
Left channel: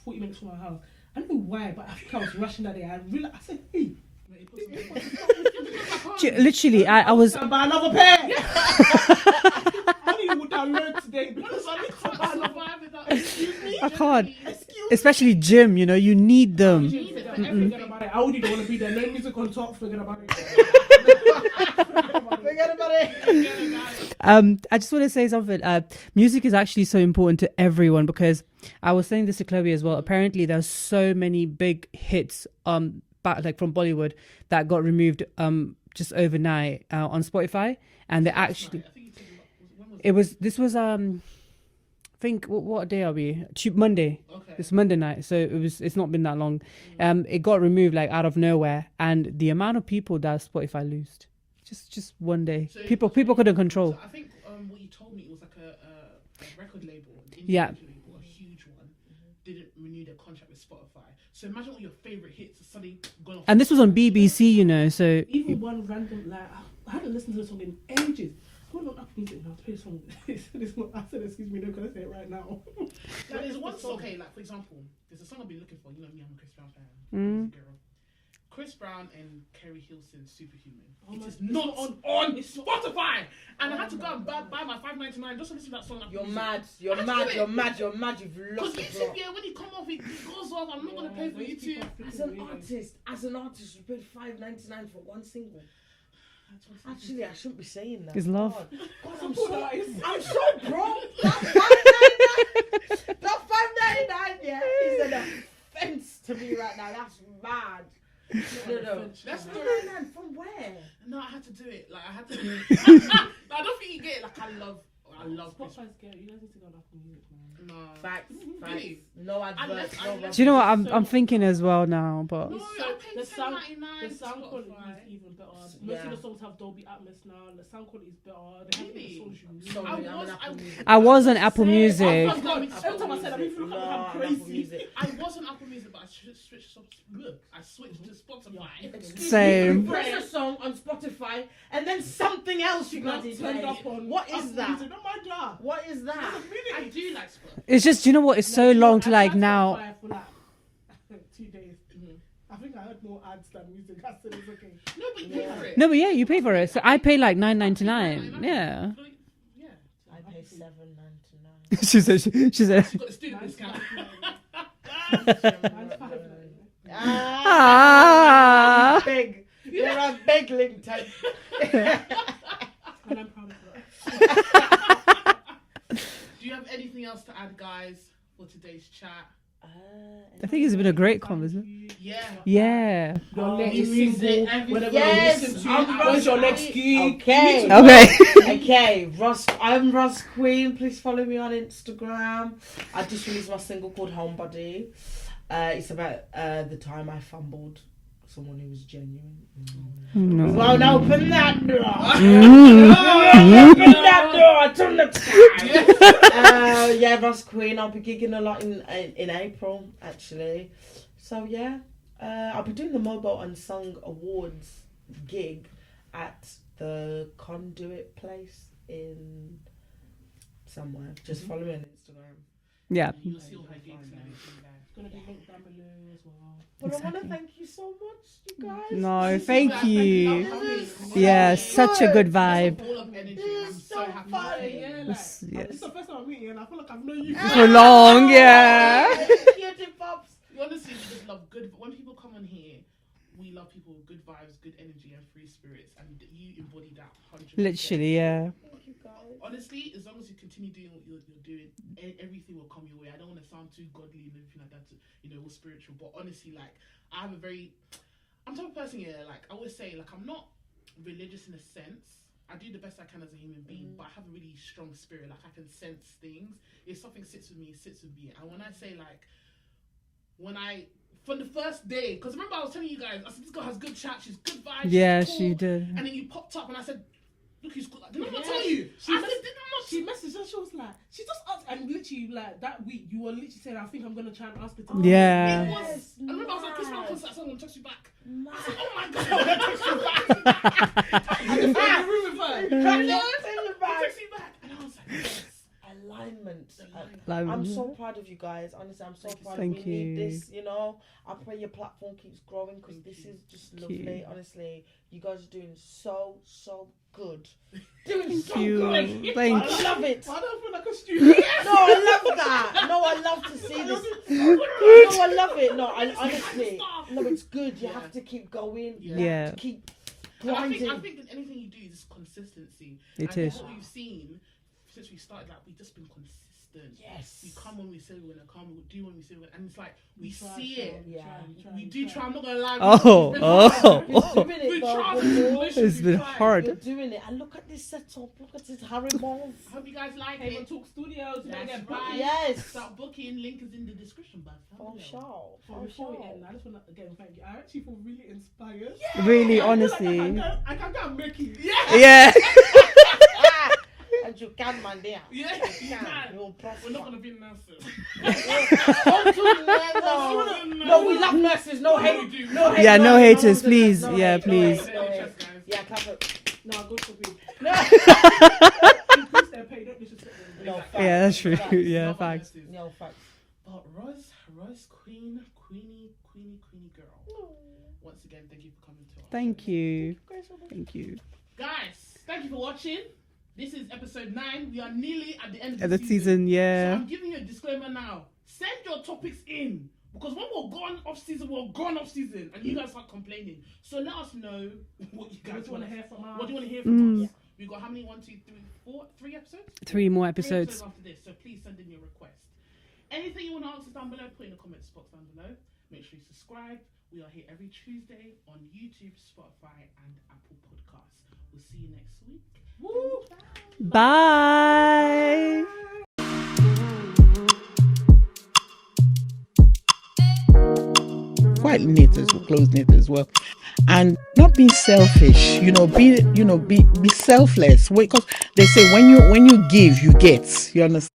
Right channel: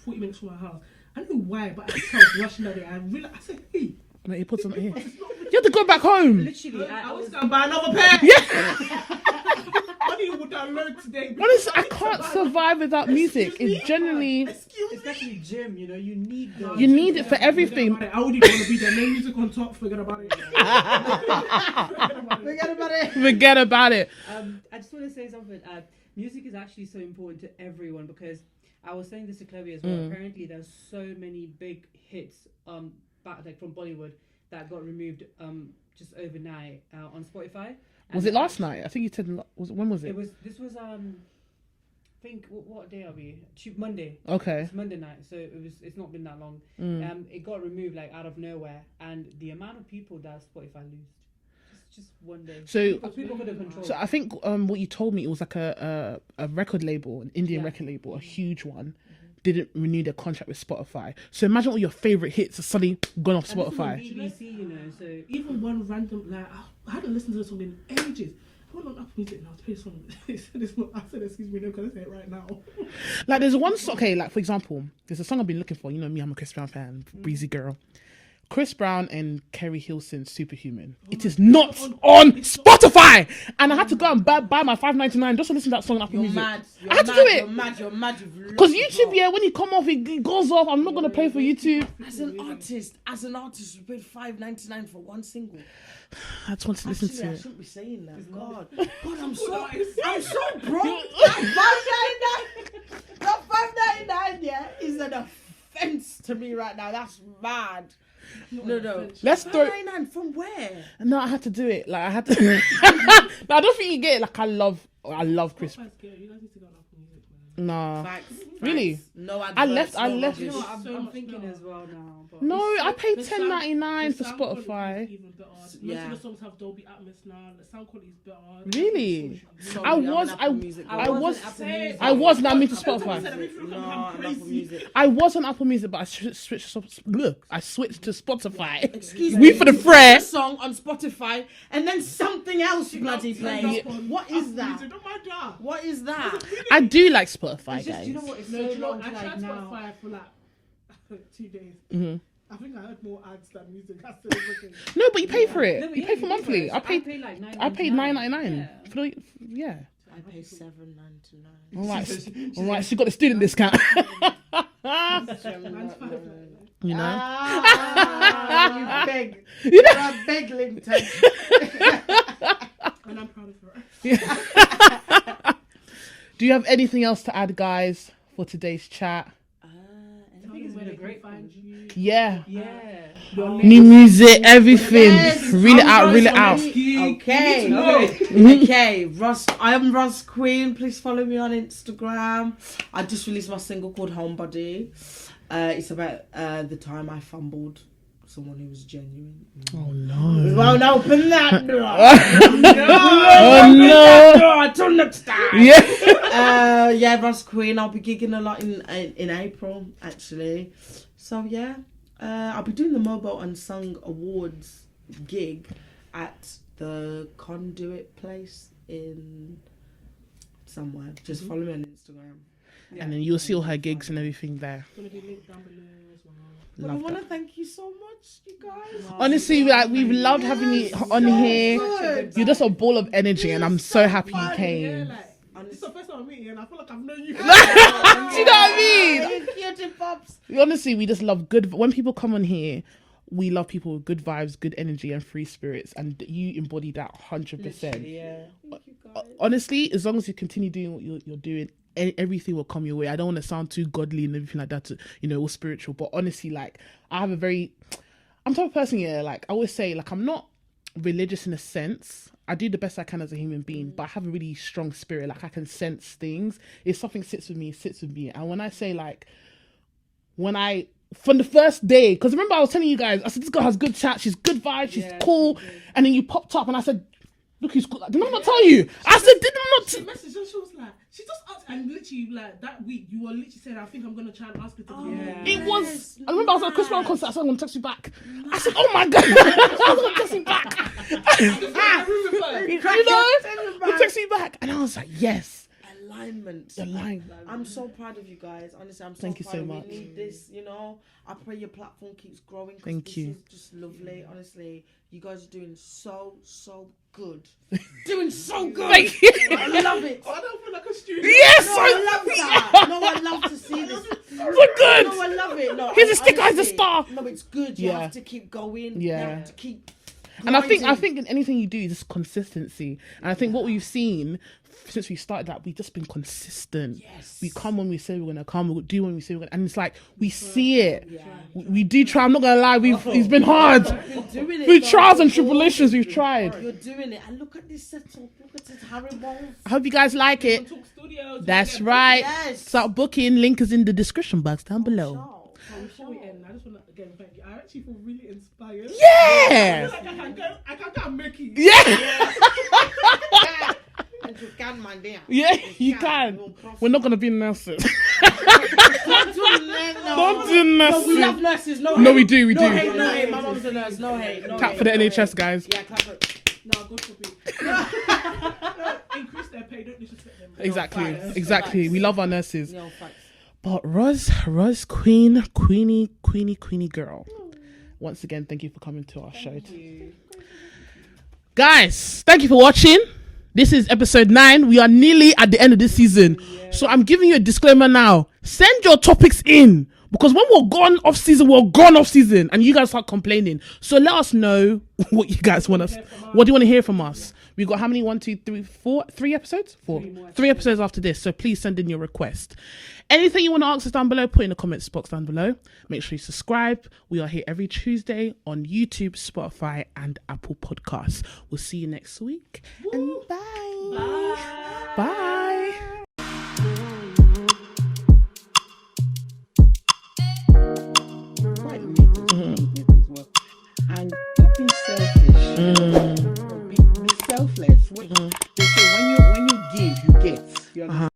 40 minutes from my house. I don't know why, but I was rushing that day. I said, hey. My earpods on my head. You have to go back home. Literally, I was. And buy another pair. Yeah. Honey would download today. Honestly, I can't survive without music. It's generally, Especially gym, you know, you need them. you need it for everything. I wouldn't want to be there. No music on top. Forget about it. Forget about it. I just want to say something. Music is actually so important to everyone, because I was saying this to Chloe as well. Apparently, there's so many big hits back like from Bollywood that got removed just overnight on Spotify. And Was it last night? I think you said. When was it? This was I think what day are we? Monday. Okay. It's Monday night, so it's not been that long. It got removed like out of nowhere, and the amount of people that Spotify lost. Just one day. So people couldn't control. So I think what you told me, it was like a record label, an indie record label, a huge one, didn't renew their contract with Spotify. So imagine all your favorite hits are suddenly gone off Spotify. And this was on BBC, you know. So even one random I hadn't listened to the song in ages. I went on Apple Music now to play the song. I said, excuse me, no, can I say it right now? Like there's one song, okay, like for example, there's a song I've been looking for. You know me, I'm a Chris Brown fan, breezy girl. Chris Brown and Kerry Hilson's Superhuman. It is not on Spotify, and I had to go and buy my $5.99 just to listen to that song on Apple Music. Mad. I had to do it. You're mad. Because YouTube, when you come off, it goes off. I'm not gonna pay for YouTube. As an artist, you paid $5.99 for one single. I just want to listen to I it. shouldn't be saying that. It's love. God, I'm so broke. That $5.99, yeah, is an offense to me right now. That's mad. No. Let's throw. $5.99 from where? No, I had to do it. Like I had to. No, I don't think you get it. Like I love Chris. No. Facts. Really? No, I left. do you know what I'm thinking as well now? But No, I paid $10.99 for Spotify. Yeah. Most of the songs have Dolby Atmos now. The sound quality is better. Really? Sorry, I was on Apple Music. I was not to Spotify. I was on Apple Music, but I switched to Spotify. Excuse Same. me, for the prayer. a song on Spotify and then something else bloody plays. What is that? What is that? I do like Spotify. it's just, you know what? It's so long to like now. For like 2 days. I think I heard more ads than music. That's still okay. No, but you pay for it. No, but yeah, you pay for monthly. it. So I pay like I paid $9.99. $9.99. Yeah. Yeah. I pay $7.99. She said. She got a student discount. Beg. You're a beg link type. And I'm proud of that. Do you have anything else to add, guys, for today's chat? I think it's been a great conversation. Yeah. Yeah. New music, everything. Yes, Reel it out. Okay. Okay. I am Rozzzqween. Please follow me on Instagram. I just released my single called Homebody. It's about the time I fumbled someone who was genuine. Oh no. Won't open that door. Till next time. Yeah. Rozzzqween. I'll be gigging a lot in April, actually. So yeah, I'll be doing the Mobile Unsung Awards gig at the Conduit place in somewhere. Just follow me on Instagram. Yeah. And then you'll see all her gigs and everything there. Gonna be linked down below as well. But I want to thank you so much, you guys. No, Honestly, thank like, you. we've loved having you on Yeah, here. such a good You're just a vibe. ball of energy, and I'm so happy you came. Yeah, like, Yeah. It's the first time I'm meeting, and I feel like I've known you. So long, yeah. Cutie pops. Honestly, we just love good. When people come on here, we love people with good vibes, good energy, and free spirits, and you embody that 100%. Literally, yeah. Honestly, as long as you continue doing what you're doing, everything will come your way. I don't want to sound too godly and everything like that, to, all spiritual. But honestly, like, I'm the type of person, like, I always say, like, I'm not religious in a sense. I do the best I can as a human being, but I have a really strong spirit. Like, I can sense things. If something sits with me, it sits with me. And when I say, like, from the first day, because remember I was telling you guys, I said, this girl has good chat, she's good vibes, she's cool. She did. And then you popped up and I said, look who's cool. Did I not tell you? I said, did I not? She messaged her, she was like, she just asked, and literally, like, that week, you were literally saying, I think I'm going to try and ask her to. Yeah. It was. I remember I was at a Chris Brown concert. I said, I'm going to text you back. I said, oh my God. I was going to text you back. You text me back. And I was like, yes. Alignment. I'm so proud of you guys. Honestly, I'm so Thank you proud so of much. you. Need this, I pray your platform keeps growing. Thank you. This is just lovely. Honestly, you guys are doing so good. Doing so good. Thank you. I love it. I don't feel like a student. Yes. No, I love that. No, I love to see this. We're good. No, I love it. No, Here's a sticker, here's a honestly, star. No, it's good. You Yeah. have to keep going. Yeah. You have to keep And I think grinding. in anything you do is just consistency. And I think what we've seen since we started that, we've just been consistent. Yes. We come when we say we're gonna come, we'll do when we say we're gonna, and it's like we see it. Yeah. We do try. I'm not gonna lie, it's been hard. Through trials and tribulations, we've tried. You're doing it. And look at this setup. Look at this Haribo. I hope you guys like it. Talk Studios. That's right. Yes. Start booking. Link is in the description box down below. Show. Before we end, I just want to again thank you. I actually feel really inspired. Yeah. Honestly. I can't make it. Yeah. Yeah. And you can, man, there. Yeah, you can. We're not gonna be nurses. Don't do Don't do But we love nurses. nurses. No, No, we do. We do. hate, Yeah, no hate, haters, no please. hate, Yeah, no please. hate, For the no NHS hate. guys. Yeah, clap it. No, God forbid. Increase their pay, don't disrespect them. Exactly. Yeah, that's true. Exactly. We Yeah, love our facts. nurses. No, facts. But Rozz, Queenie girl. Once again, thank you for coming to our show. Thank you. Thank you. Guys, thank you for watching. This is episode 9. We are nearly at the end of this season. Yeah. So I'm giving you a disclaimer now. Send your topics in. Because when we're gone off season, and you guys start complaining. So let us know what you guys want us. What do you want to hear from us? We've got how many? 1, 2, 3, 4, 3 episodes? 3 more episodes. 3 episodes after this. So please send in your request. Anything you want to ask us down below, put in the comments box down below. Make sure you subscribe. We are here every Tuesday on YouTube, Spotify, and Apple Podcasts. We'll see you next week. And bye. Bye. Quite knit as well, close knit as well, and not being selfish. Be selfless. Because they say when you give, you get. You understand.